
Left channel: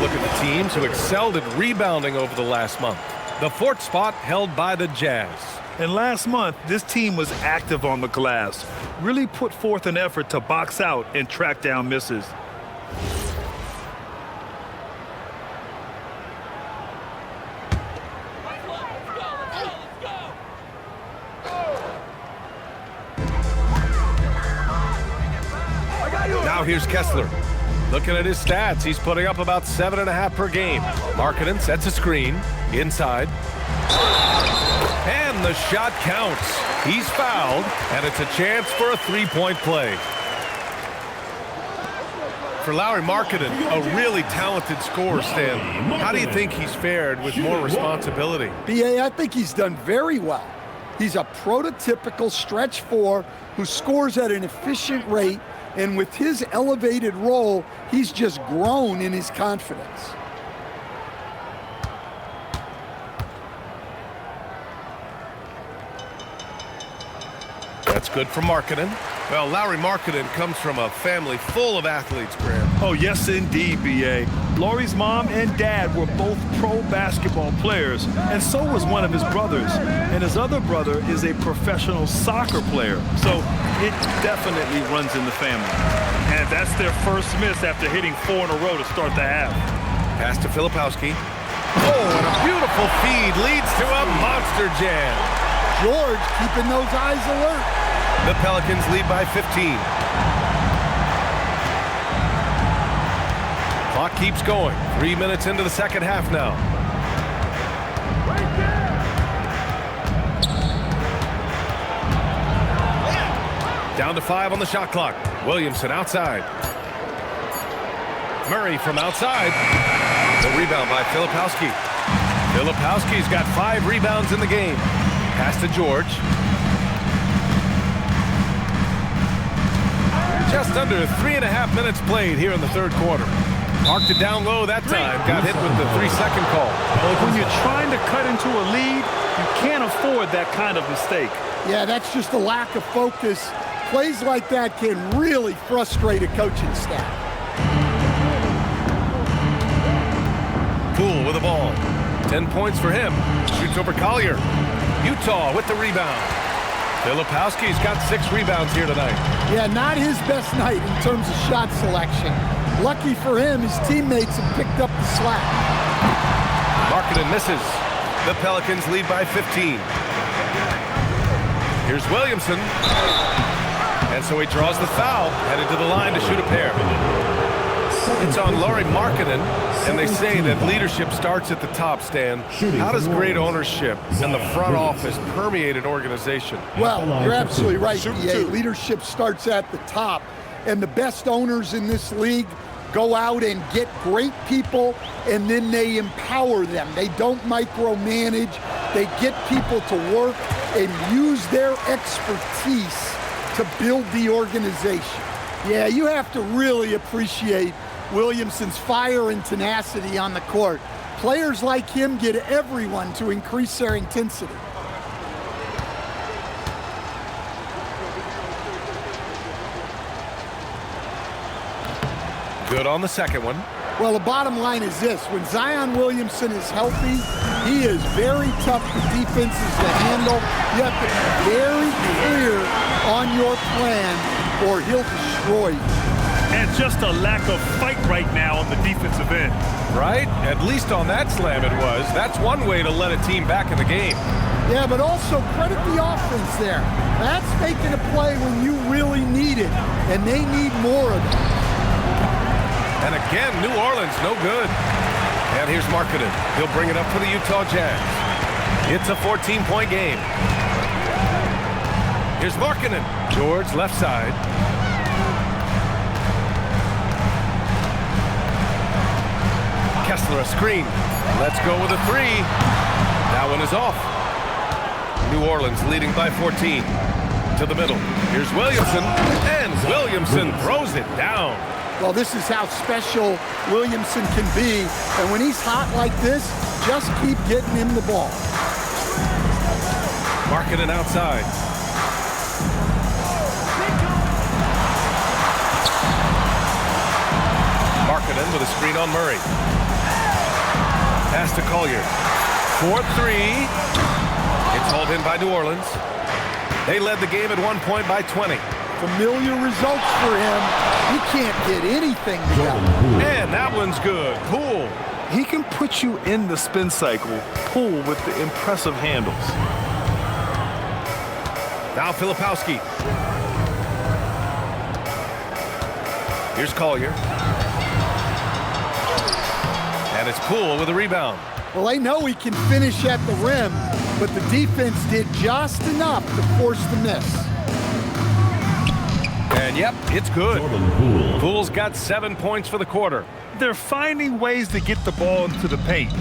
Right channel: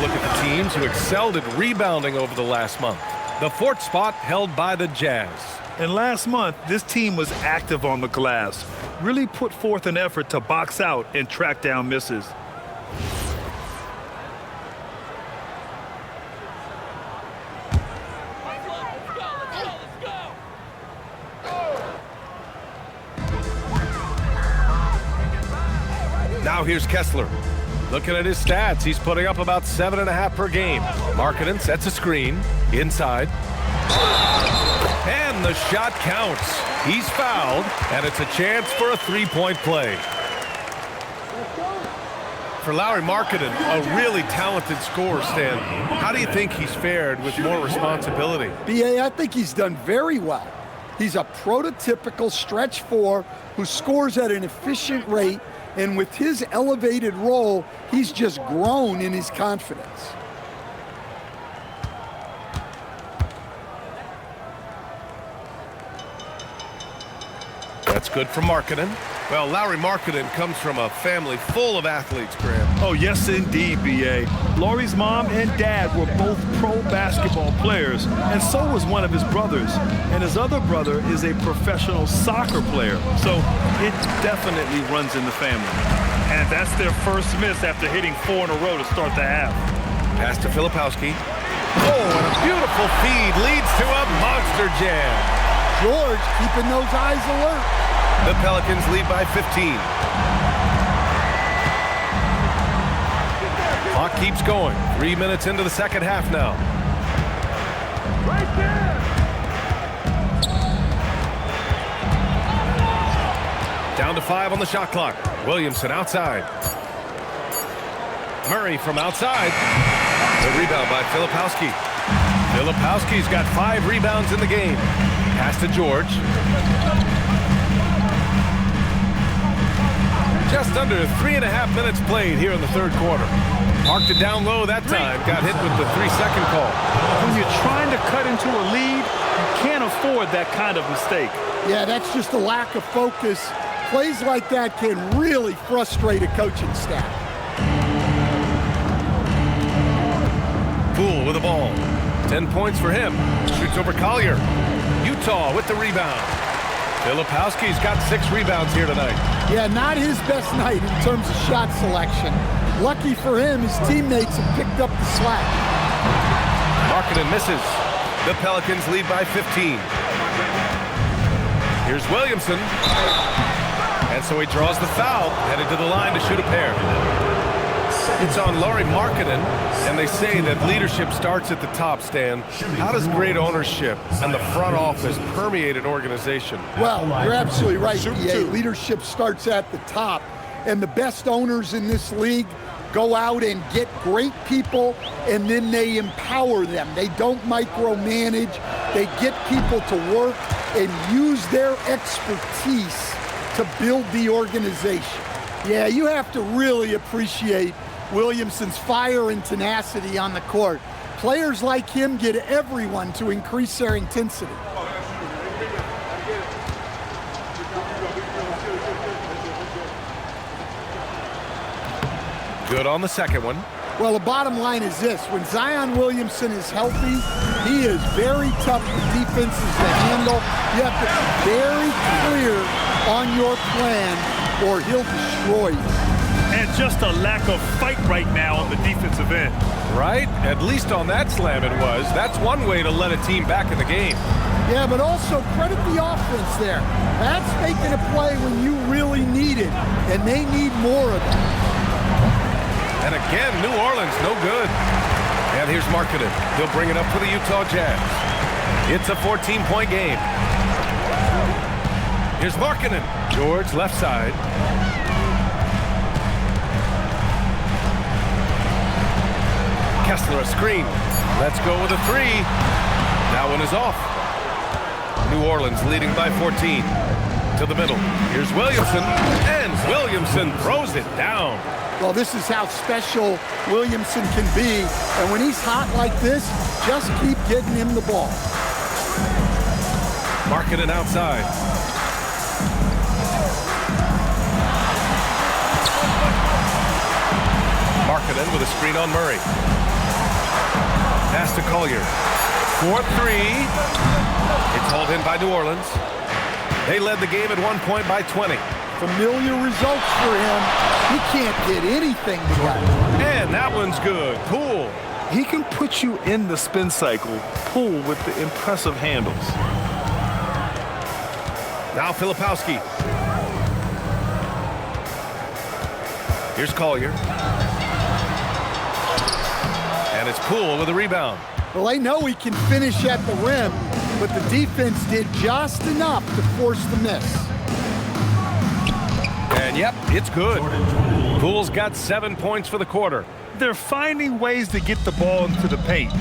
Look at the teams who excelled at rebounding over the last month. The 4th spot held by the Jazz. And last month, this team was active on the glass, really put forth an effort to box out and track down misses. Now here's Kessler. Looking at his stats, he's putting up about 7.5 per game. Markkanen sets a screen inside. And the shot counts. He's fouled, and it's a chance for a 3-point play. For Lauri Markkanen, a really talented scorer, Stan. How do you think he's fared with more responsibility? B.A., I think he's done very well. He's a prototypical stretch 4 who scores at an efficient rate, and with his elevated role, he's just grown in his confidence. That's good for Markkanen. Well, Lauri Markkanen comes from a family full of athletes, Graham. Oh, yes, indeed, B.A. Lauri's mom and dad were both pro basketball players, and so was one of his brothers. And his other brother is a professional soccer player, so it definitely runs in the family. And that's their first miss after hitting 4 in a row to start the half. Pass to Filipowski. Oh, and a beautiful feed leads to a monster jam. George keeping those eyes alert. The Pelicans lead by 15. Clock keeps going. 3 minutes into the second half now. Right there. Down to 5 on the shot clock. Williamson outside. Murray from outside. The rebound by Filipowski. Filipowski's got 5 rebounds in the game. Pass to George. Just under 3.5 minutes played here in the third quarter. Parked it down low that time. Got hit with the 3-second call. When you're trying to cut into a lead, you can't afford that kind of mistake. Yeah, that's just a lack of focus. Plays like that can really frustrate a coaching staff. Poole with the ball. 10 points for him. Shoots over Collier. Utah with the rebound. Filipowski's got 6 rebounds here tonight. Yeah, not his best night in terms of shot selection. Lucky for him, his teammates have picked up the slack. Markkanen misses. The Pelicans lead by 15. Here's Williamson. And so he draws the foul, headed to the line to shoot a pair. It's on Lauri Markkanen, and they say that leadership starts at the top, Stan. How does great ownership and the front office permeate an organization? Well, you're absolutely right, DA. Leadership starts at the top, and the best owners in this league go out and get great people, and then they empower them. They don't micromanage. They get people to work and use their expertise to build the organization. Yeah, you have to really appreciate Williamson's fire and tenacity on the court. Players like him get everyone to increase their intensity. Good on the second one. Well, the bottom line is this. When Zion Williamson is healthy, he is very tough for defenses to handle. You have to be very clear on your plan or he'll destroy you. And just a lack of fight right now on the defensive end. Right? At least on that slam it was. That's one way to let a team back in the game. Yeah, but also credit the offense there. That's making a play when you really need it, and they need more of that. And again, New Orleans, no good. And here's Markkanen. He'll bring it up for the Utah Jazz. It's a 14-point game. Here's Markkanen. George, left side. Kessler, a screen. Let's go with a 3. That one is off. New Orleans leading by 14. To the middle. Here's Williamson. And Williamson throws it down. Well, this is how special Williamson can be. And when he's hot like this, just keep getting him the ball. Markkanen outside. Markkanen with a screen on Murray. Pass to Collier. 4-3. It's hauled in by New Orleans. They led the game at one point by 20. Familiar results for him. He can't get anything together. And that one's good. Poole. He can put you in the spin cycle. Poole with the impressive handles. Now Filipowski. Here's Collier. And it's Poole with a rebound. Well, they know he can finish at the rim, but the defense did just enough to force the miss. And yep, it's good. Poole's got 7 points for the quarter. They're finding ways to get the ball into the paint.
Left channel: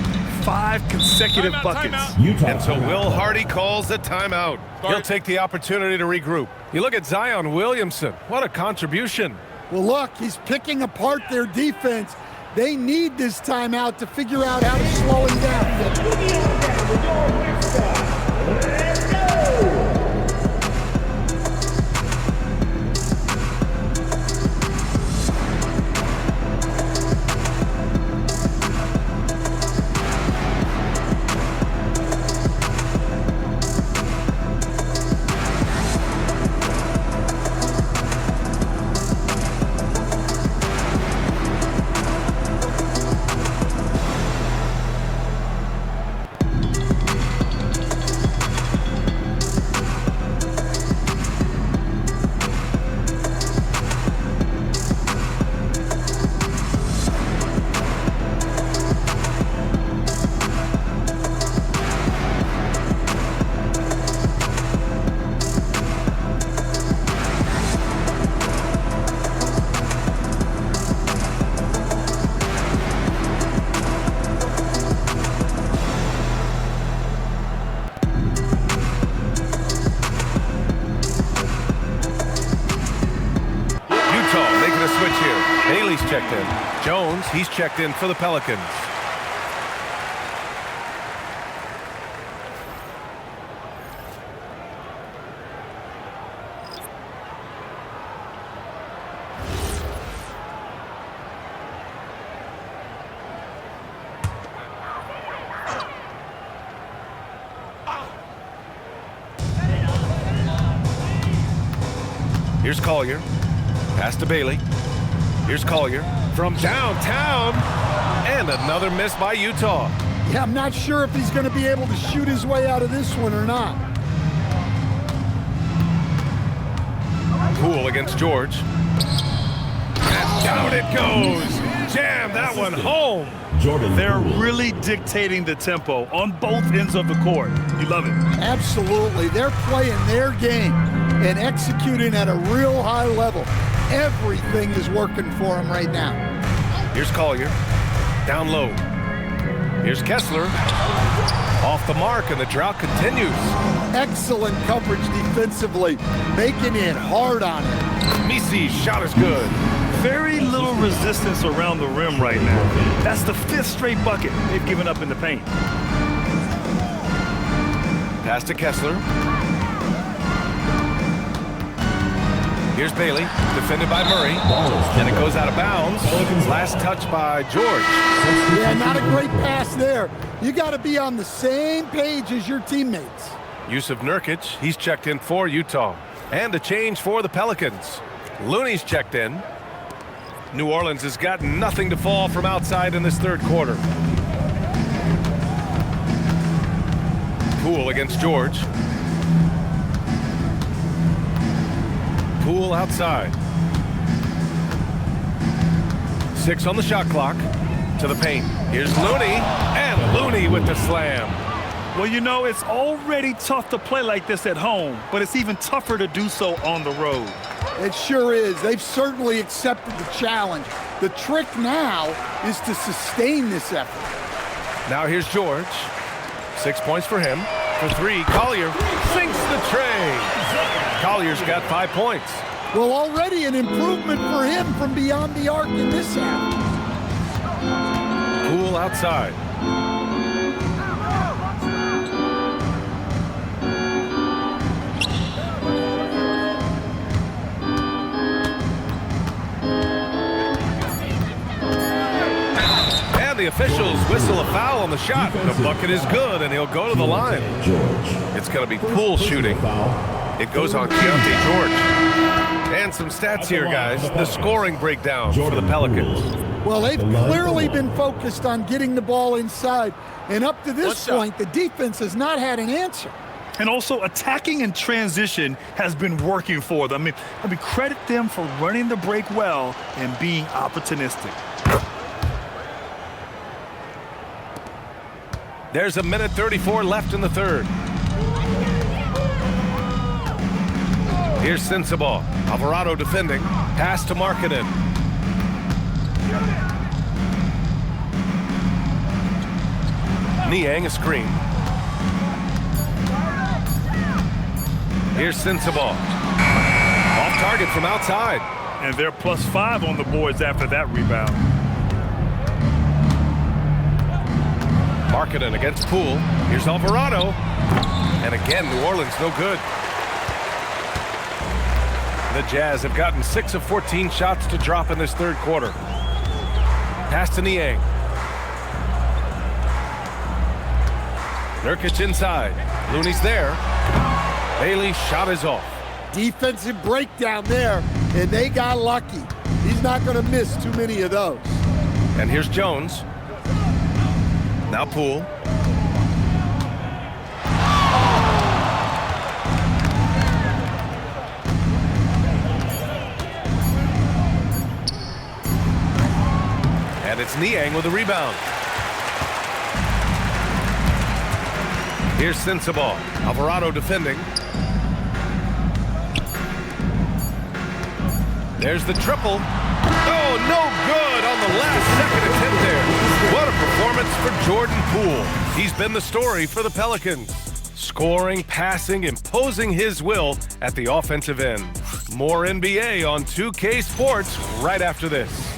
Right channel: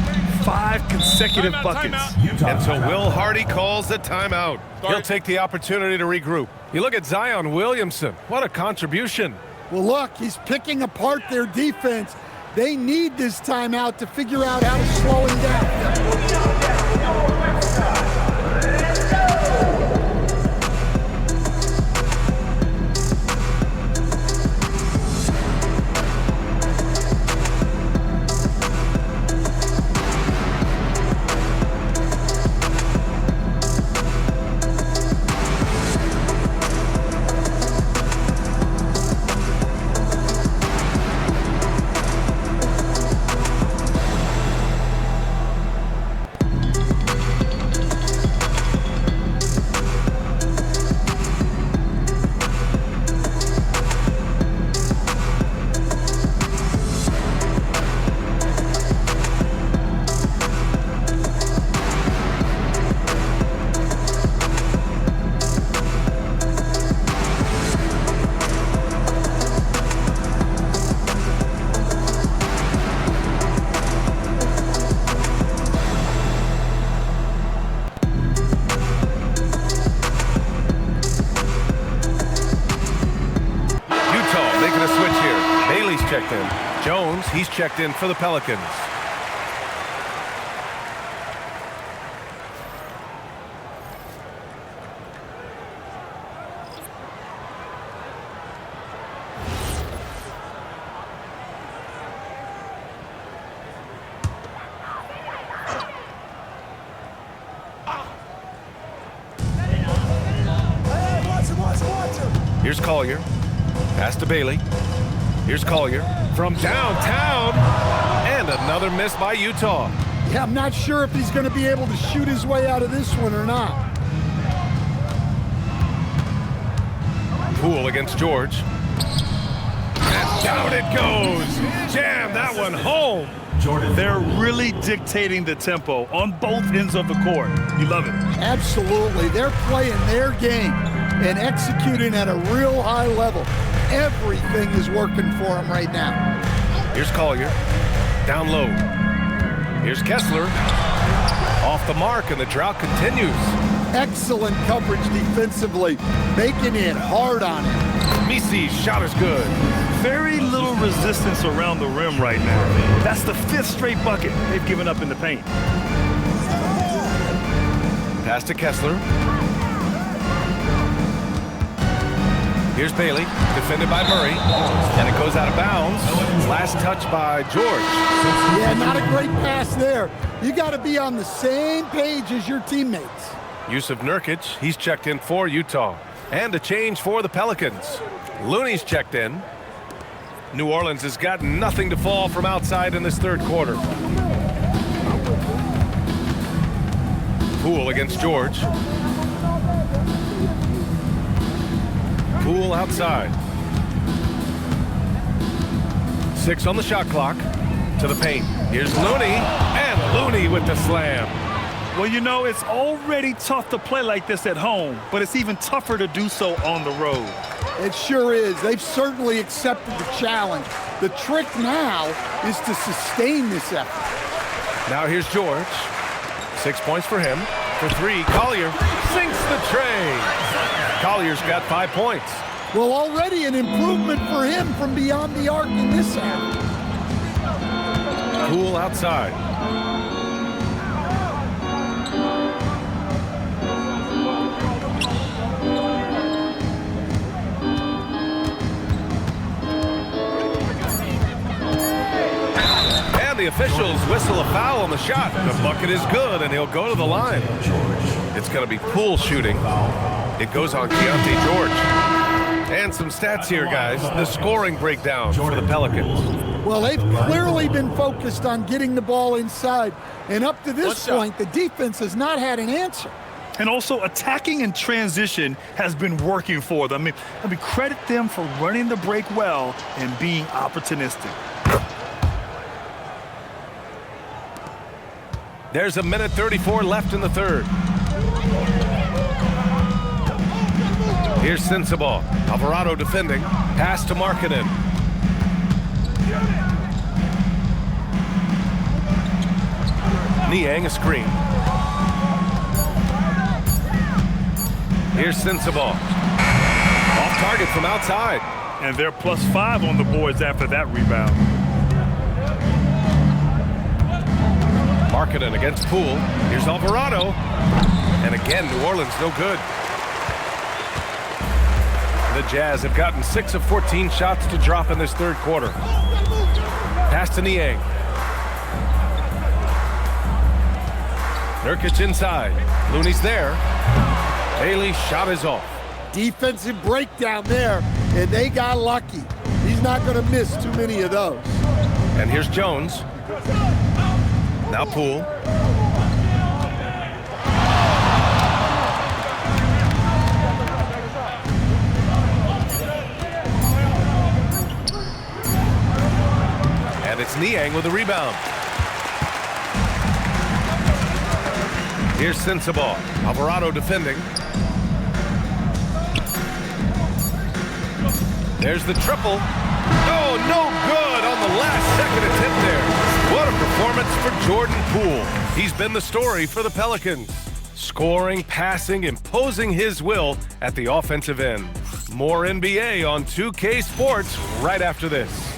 5 consecutive buckets. And so Will Hardy calls the timeout. He'll take the opportunity to regroup. You look at Zion Williamson. What a contribution. Well, look, he's picking apart their defense. They need this timeout to figure out how to slow him down. a switch here. Bailey's checked in. Jones, he's checked in for the Pelicans. Here's Collier. Pass to Bailey. Here's Collier from downtown. And another miss by Utah. Yeah, I'm not sure if he's going to be able to shoot his way out of this one or not. Poole against George. And down it goes. Jam that one home. They're really dictating the tempo on both ends of the court. You love it. Absolutely. They're playing their game and executing at a real high level. Everything is working for them right now. Here's Collier. Down low. Here's Kessler. Off the mark, and the drought continues. Excellent coverage defensively, making it hard on him. Misi's shot is good. Very little resistance around the rim right now. That's the 5th straight bucket they've given up in the paint. Pass to Kessler. Here's Bailey, defended by Murray, and it goes out of bounds. Last touch by George. Yeah, not a great pass there. You got to be on the same page as your teammates. Yusuf Nurkic, he's checked in for Utah. And a change for the Pelicans. Looney's checked in. New Orleans has got nothing to fall from outside in this third quarter. Poole against George. Poole outside. 6 on the shot clock. To the paint. Here's Looney, and Looney with the slam. Well, you know, it's already tough to play like this at home, but it's even tougher to do so on the road. It sure is. They've certainly accepted the challenge. The trick now is to sustain this effort. Now here's George. 6 points for him. For 3, Collier sinks the tray. Collier's got 5 points. Well, already an improvement for him from beyond the arc in this half. Poole outside. And the officials whistle a foul on the shot. The bucket is good, and he'll go to the line. It's going to be Poole shooting. It goes on Keontae George. And some stats here, guys. The scoring breakdown for the Pelicans. Well, they've clearly been focused on getting the ball inside. And up to this point, the defense has not had an answer. And also, attacking in transition has been working for them. I mean, credit them for running the break well and being opportunistic. There's a minute 34 left in the third. Here's Sensabaugh. Alvarado defending. Pass to Markkanen. Niang a screen. Here's Sensabaugh. Off target from outside. And they're +5 on the boards after that rebound. Markkanen against Poole. Here's Alvarado. And again, New Orleans no good. The Jazz have gotten 6 of 14 shots to drop in this third quarter. Pass to Niang. Nurkic inside. Looney's there. Bailey's shot is off. Defensive breakdown there, and they got lucky. He's not going to miss too many of those. And here's Jones. Now Poole. And it's Niang with a rebound. Here's Sensabaugh. Alvarado defending. There's the triple. Oh, no good on the last second attempt there. What a performance for Jordan Poole. He's been the story for the Pelicans. Scoring, passing, imposing his will at the offensive end. More NBA on 2K Sports right after this.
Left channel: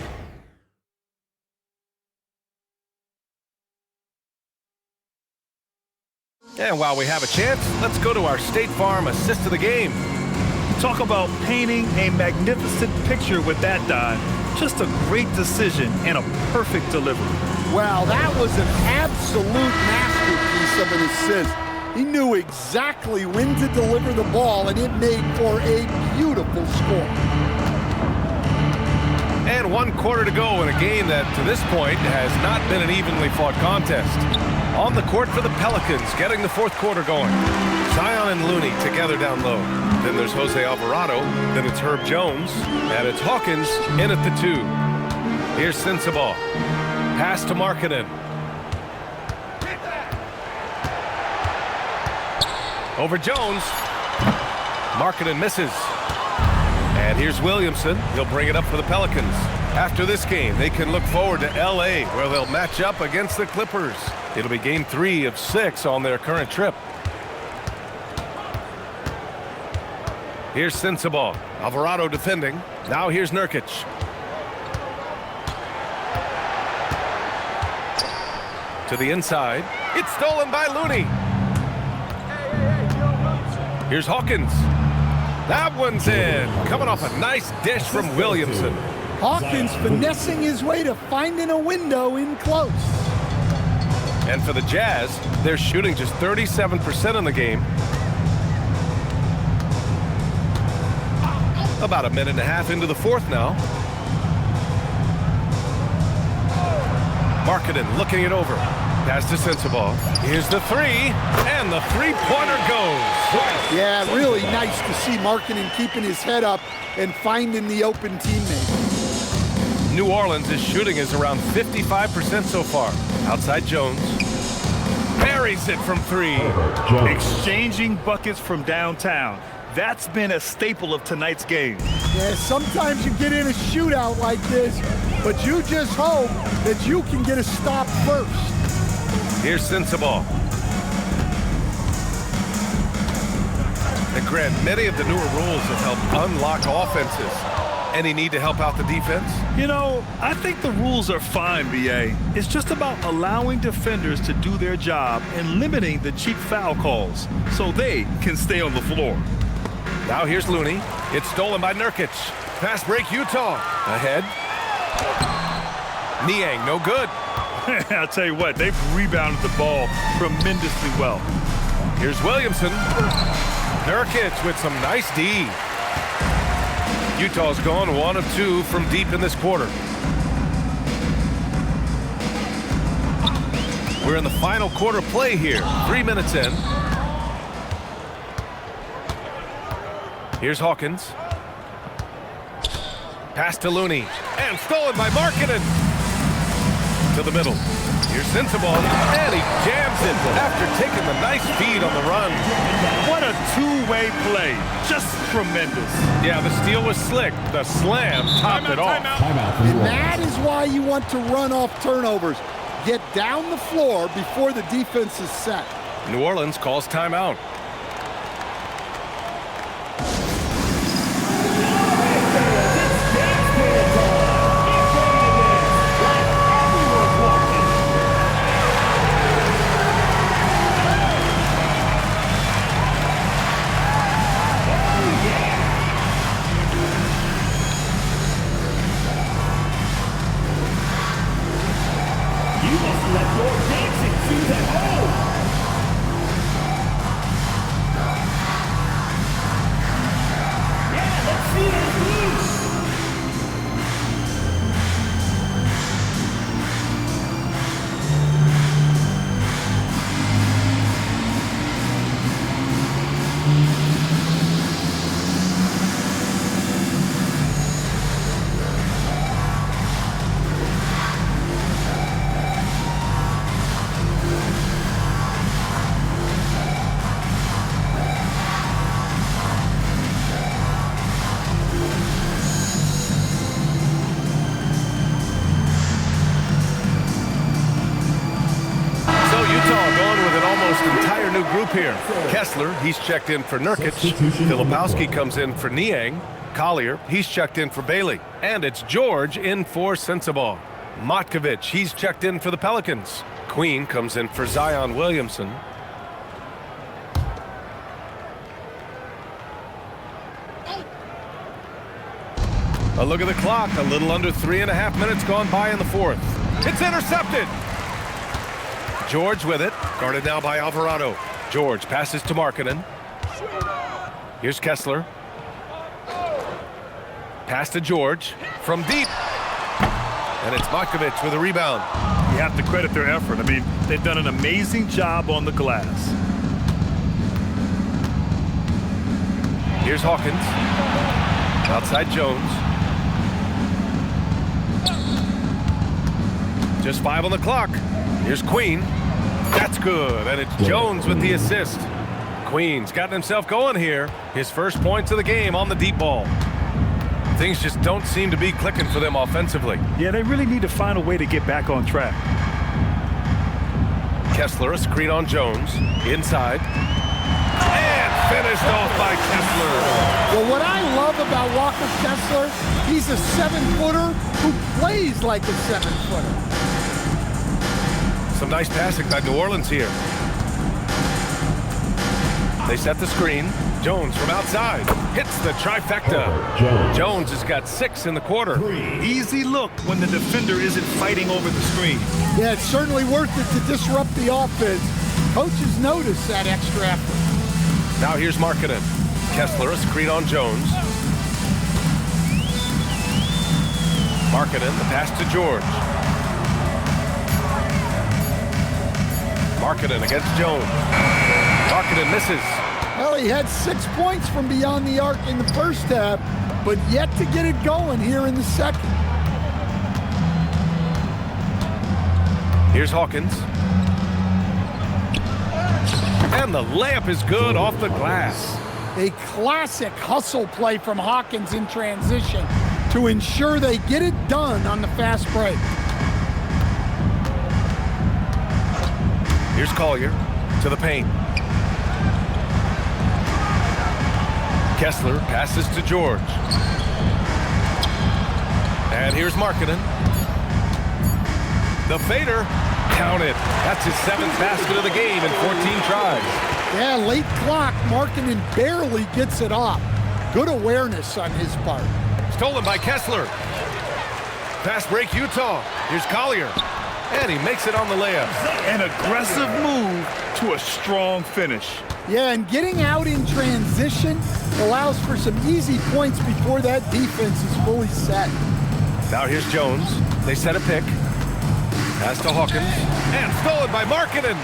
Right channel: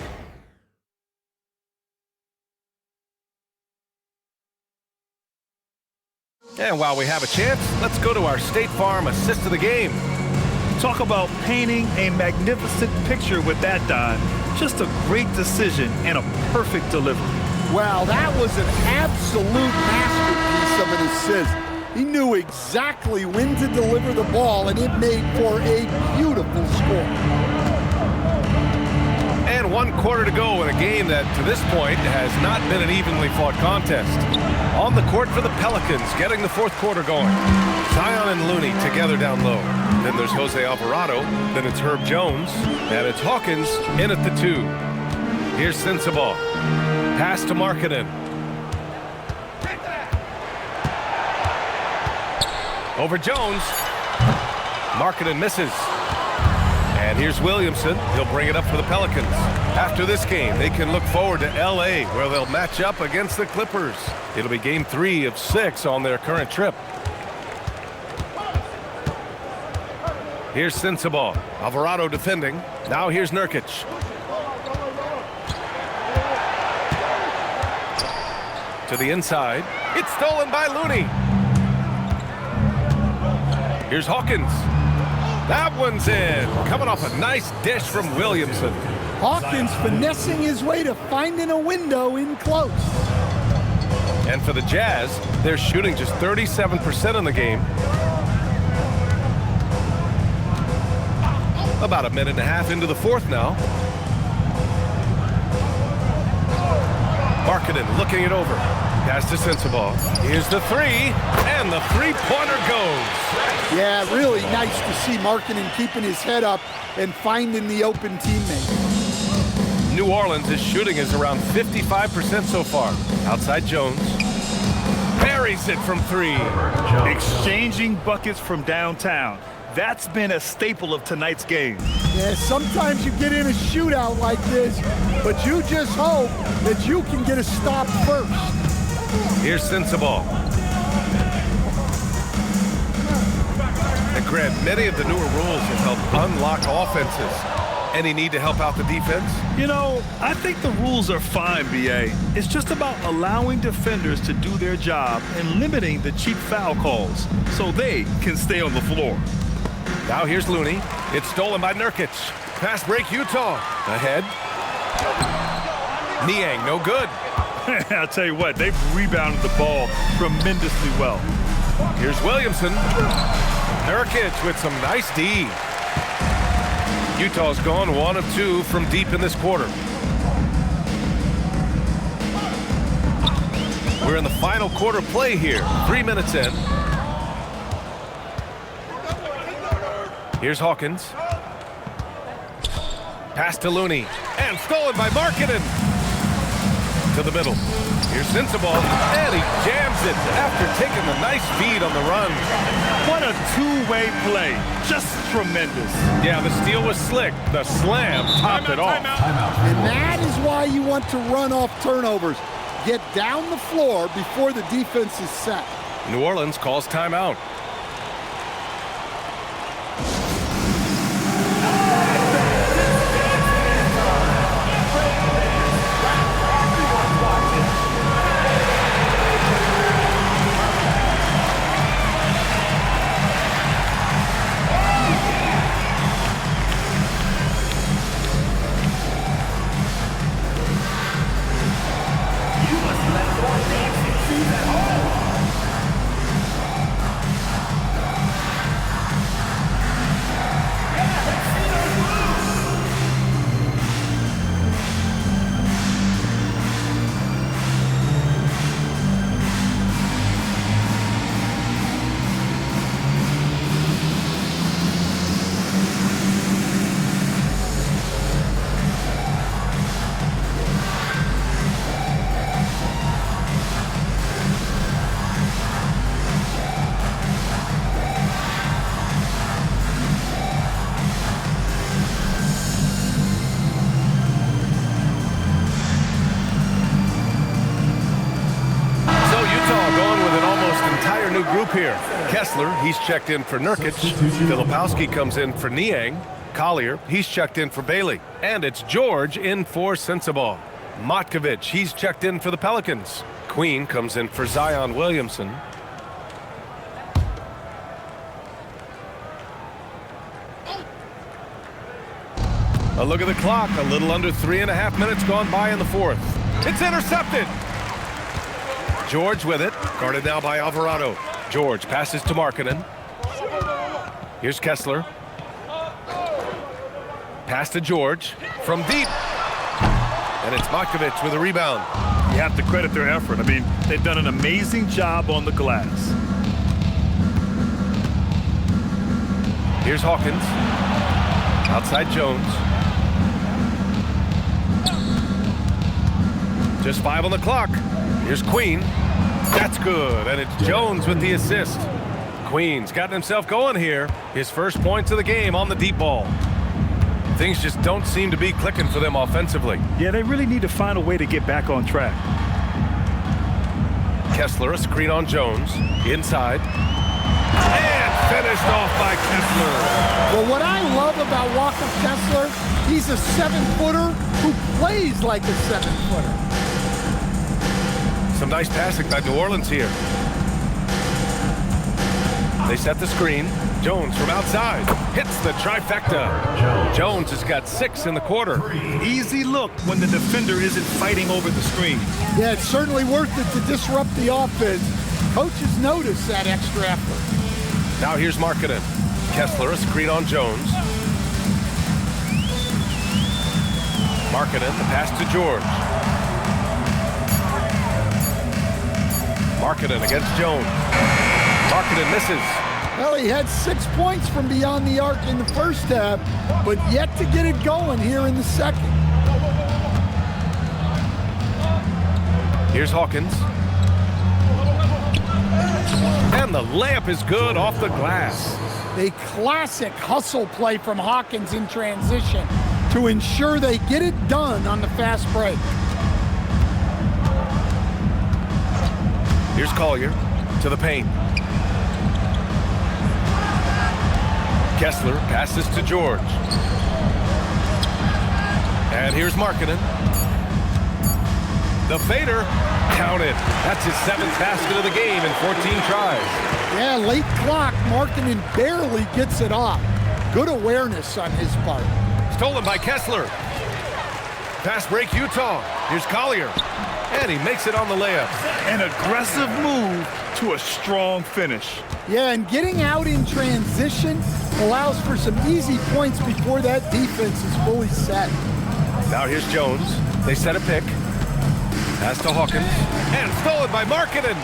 And while we have a chance, let's go to our State Farm assist of the game. Talk about painting a magnificent picture with that, Don. Just a great decision and a perfect delivery. Wow, that was an absolute masterpiece of an assist. He knew exactly when to deliver the ball, and it made for a beautiful score. And 1 quarter to go in a game that, to this point, has not been an evenly fought contest. On the court for the Pelicans, getting the 4th quarter going. Zion and Looney together down low. Then there's Jose Alvarado. Then it's Herb Jones. And it's Hawkins in at the 2. Here's Sensabaugh. Pass to Markkanen. Over Jones. Markkanen misses. And here's Williamson. He'll bring it up for the Pelicans. After this game, they can look forward to L.A., where they'll match up against the Clippers. It'll be game 3 of 6 on their current trip. Here's Sensabaugh. Alvarado defending. Now here's Nurkic. To the inside. It's stolen by Looney. Here's Hawkins. That one's in. Coming off a nice dish from Williamson. Hawkins finessing his way to finding a window in close. And for the Jazz, they're shooting just 37% in the game. About a minute and a half into the 4th now. Markkanen looking it over. Pass to Sensabaugh. Here's the 3, and the 3-pointer goes. Yeah, really nice to see Markkanen keeping his head up and finding the open teammate. New Orleans' shooting is around 55% so far. Outside Jones. Buries it from 3. Exchanging buckets from downtown. That's been a staple of tonight's game. Yeah, sometimes you get in a shootout like this, but you just hope that you can get a stop first. Here's Sensabaugh. And Grant, many of the newer rules have helped unlock offenses. Any need to help out the defense? You know, I think the rules are fine, B.A. It's just about allowing defenders to do their job and limiting the cheap foul calls so they can stay on the floor. Now here's Looney. It's stolen by Nurkic. Pass break, Utah. Ahead. Niang, no good. I'll tell you what, they've rebounded the ball tremendously well. Here's Williamson. Nurkic with some nice D. Utah's gone 1 of 2 from deep in this quarter. We're in the final quarter play here. 3 minutes in. Here's Hawkins. Pass to Looney. And stolen by Markkanen. To the middle. Here's Sensabaugh. And he jams it after taking the nice feed on the run. What a two-way play. Just tremendous. Yeah, the steal was slick. The slam topped it off. And that is why you want to run off turnovers. Get down the floor before the defense is set. New Orleans calls timeout. Entire new group here. Kessler, he's checked in for Nurkic. Filipowski comes in for Niang. Collier, he's checked in for Bailey. And it's George in for Sensabaugh. Matkovic, he's checked in for the Pelicans. Queen comes in for Zion Williamson. A look at the clock. A little under 3.5 minutes gone by in the fourth. It's intercepted. George with it. Guarded now by Alvarado. George passes to Markkanen. Here's Kessler. Pass to George from deep. And it's Matkovic with a rebound. You have to credit their effort. I mean, they've done an amazing job on the glass. Here's Hawkins. Outside Jones. Just 5 on the clock. Here's Queen. That's good. And it's Jones with the assist. Queen's gotten himself going here. His first points of the game on the deep ball. Things just don't seem to be clicking for them offensively. Yeah, they really need to find a way to get back on track. Kessler, a screen on Jones. Inside. And finished off by Kessler. Well, what I love about Walker Kessler, he's a 7-footer who plays like a 7-footer. Some nice passing by New Orleans here. They set the screen. Jones from outside hits the trifecta. Jones has got 6 in the quarter. Easy look when the defender isn't fighting over the screen. Yeah, it's certainly worth it to disrupt the offense. Coaches notice that extra effort. Now here's Markkanen. Kessler, a screen on Jones. Markkanen, the pass to George. Markkanen against Jones. Markkanen misses. Well, he had 6 points from beyond the arc in the first half, but yet to get it going here in the second. Here's Hawkins. And the layup is good off the glass. A classic hustle play from Hawkins in transition to ensure they get it done on the fast break. Here's Collier to the paint. Kessler passes to George. And here's Markkanen. The fader, counted. That's his 7th basket of the game in 14 tries. Yeah, late clock, Markkanen barely gets it off. Good awareness on his part. Stolen by Kessler. Fast break Utah. Here's Collier. And he makes it on the layup. An aggressive move to a strong finish. Yeah, and getting out in transition allows for some easy points before that defense is fully set. Now here's Jones. They set a pick. Pass to Hawkins. And stolen by Markkanen.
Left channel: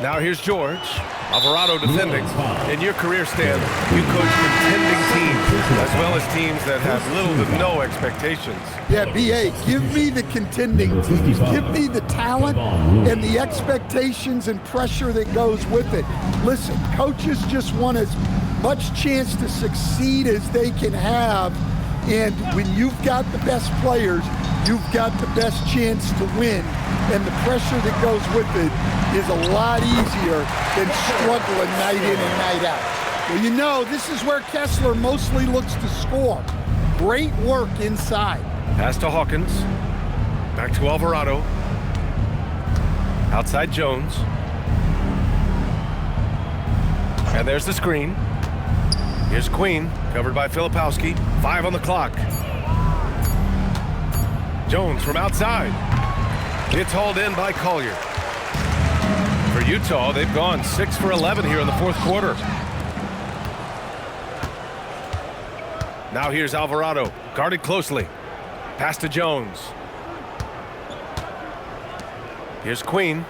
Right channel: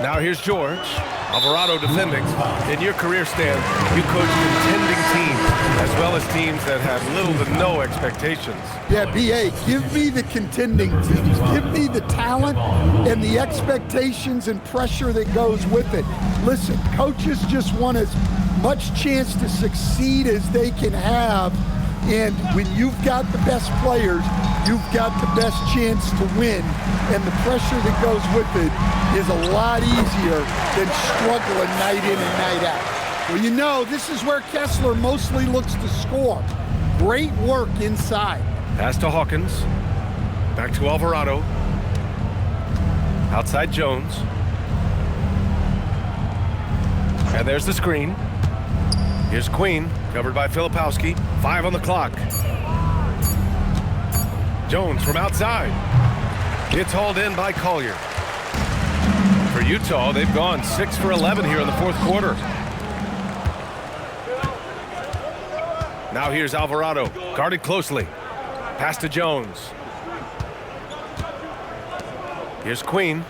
Now here's George. Alvarado defending. In your career, Stan, you coach contending teams as well as teams that have little to no expectations. Yeah, B.A., give me the contending teams. Give me the talent and the expectations and pressure that goes with it. Listen, coaches just want as much chance to succeed as they can have. And when you've got the best players, you've got the best chance to win. And the pressure that goes with it is a lot easier than struggling night in and night out. Well, you know, this is where Kessler mostly looks to score. Great work inside. Pass to Hawkins. Back to Alvarado. Outside Jones. And there's the screen. Here's Queen, covered by Filipowski. 5 on the clock. Jones from outside. It's hauled in by Collier. For Utah, they've gone 6 for 11 here in the fourth quarter. Now here's Alvarado, guarded closely. Pass to Jones. Here's Queen.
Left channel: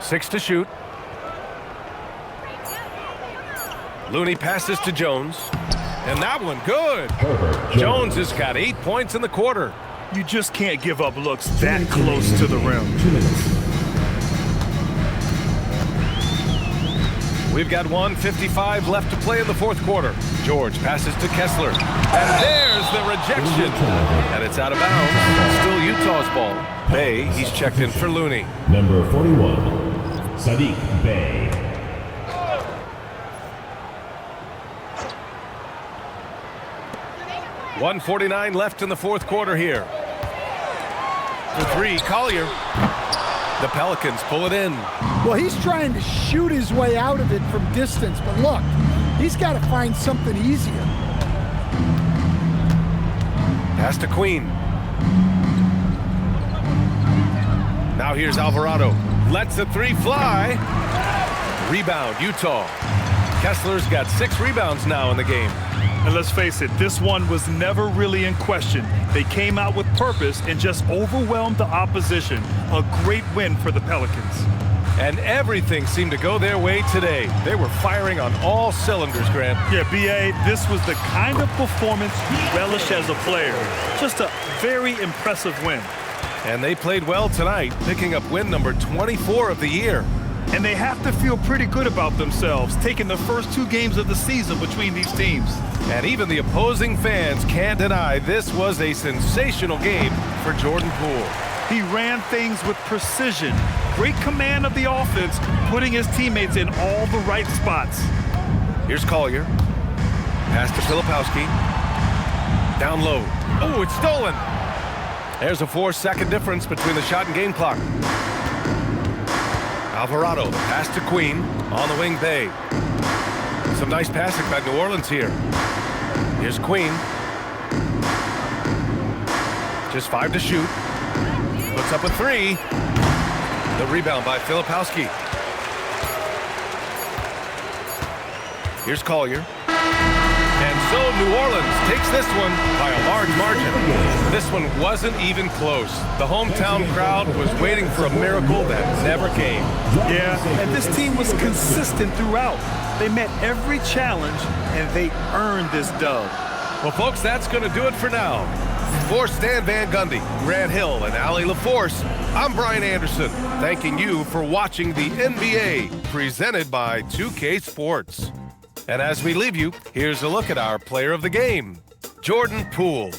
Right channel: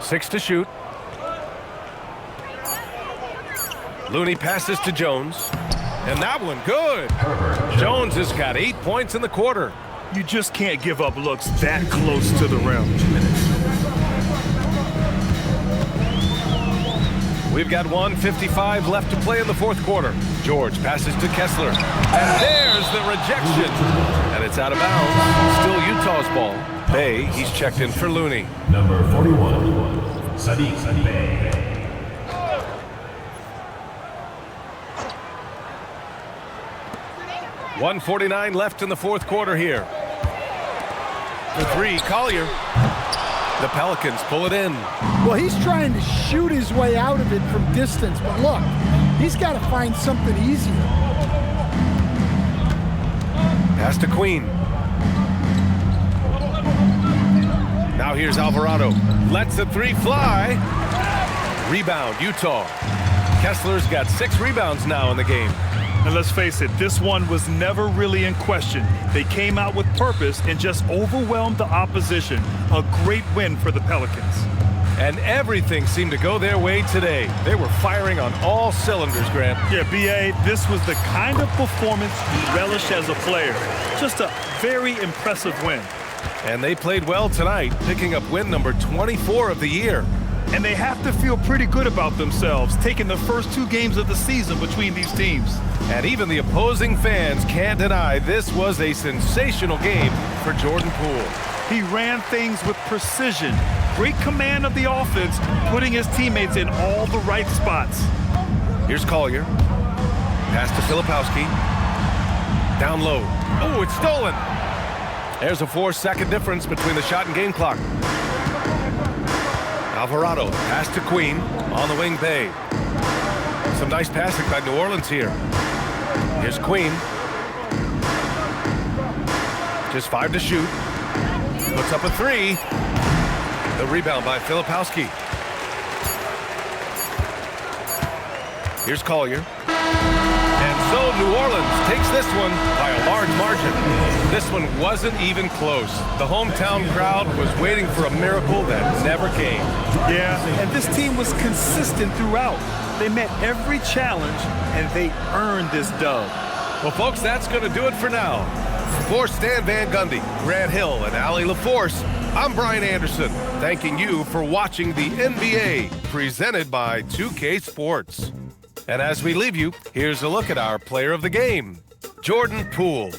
6 to shoot. Looney passes to Jones. And that one, good. Jones has got 8 points in the quarter. You just can't give up looks that close to the rim. We've got 1:55 left to play in the fourth quarter. George passes to Kessler. And there's the rejection. And it's out of bounds. Still Utah's ball. Bay, he's checked in for Looney. Number 41. Sadiq Bey. .149 left in the fourth quarter here. For three, Collier. The Pelicans pull it in. Well, he's trying to shoot his way out of it from distance, but look, he's got to find something easier. Pass to Queen. Now here's Alvarado. Lets the three fly. Rebound, Utah. Kessler's got 6 rebounds now in the game. And let's face it, this one was never really in question. They came out with purpose and just overwhelmed the opposition. A great win for the Pelicans. And everything seemed to go their way today. They were firing on all cylinders, Grant. Yeah, B.A., this was the kind of performance you relish as a player. Just a very impressive win. And they played well tonight, picking up win number 24 of the year. And they have to feel pretty good about themselves, taking the first 2 games of the season between these teams. And even the opposing fans can't deny this was a sensational game for Jordan Poole. He ran things with precision, great command of the offense, putting his teammates in all the right spots. Here's Collier. Pass to Filipowski. Down low. Oh, it's stolen. There's a 4-second difference between the shot and game clock. Alvarado, the pass to Queen on the wing, Bay. Some nice passing by New Orleans here. Here's Queen. Just 5 to shoot. Puts up a 3. The rebound by Filipowski. Here's Collier. And so New Orleans takes this one by a large margin. This one wasn't even close. The hometown crowd was waiting for a miracle that never came. Yeah, and this team was consistent throughout. They met every challenge, and they earned this dub. Well, folks, that's going to do it for now. For Stan Van Gundy, Grant Hill, and Allie LaForce, I'm Brian Anderson, thanking you for watching the NBA, presented by 2K Sports. And as we leave you, here's a look at our player of the game, Jordan Poole.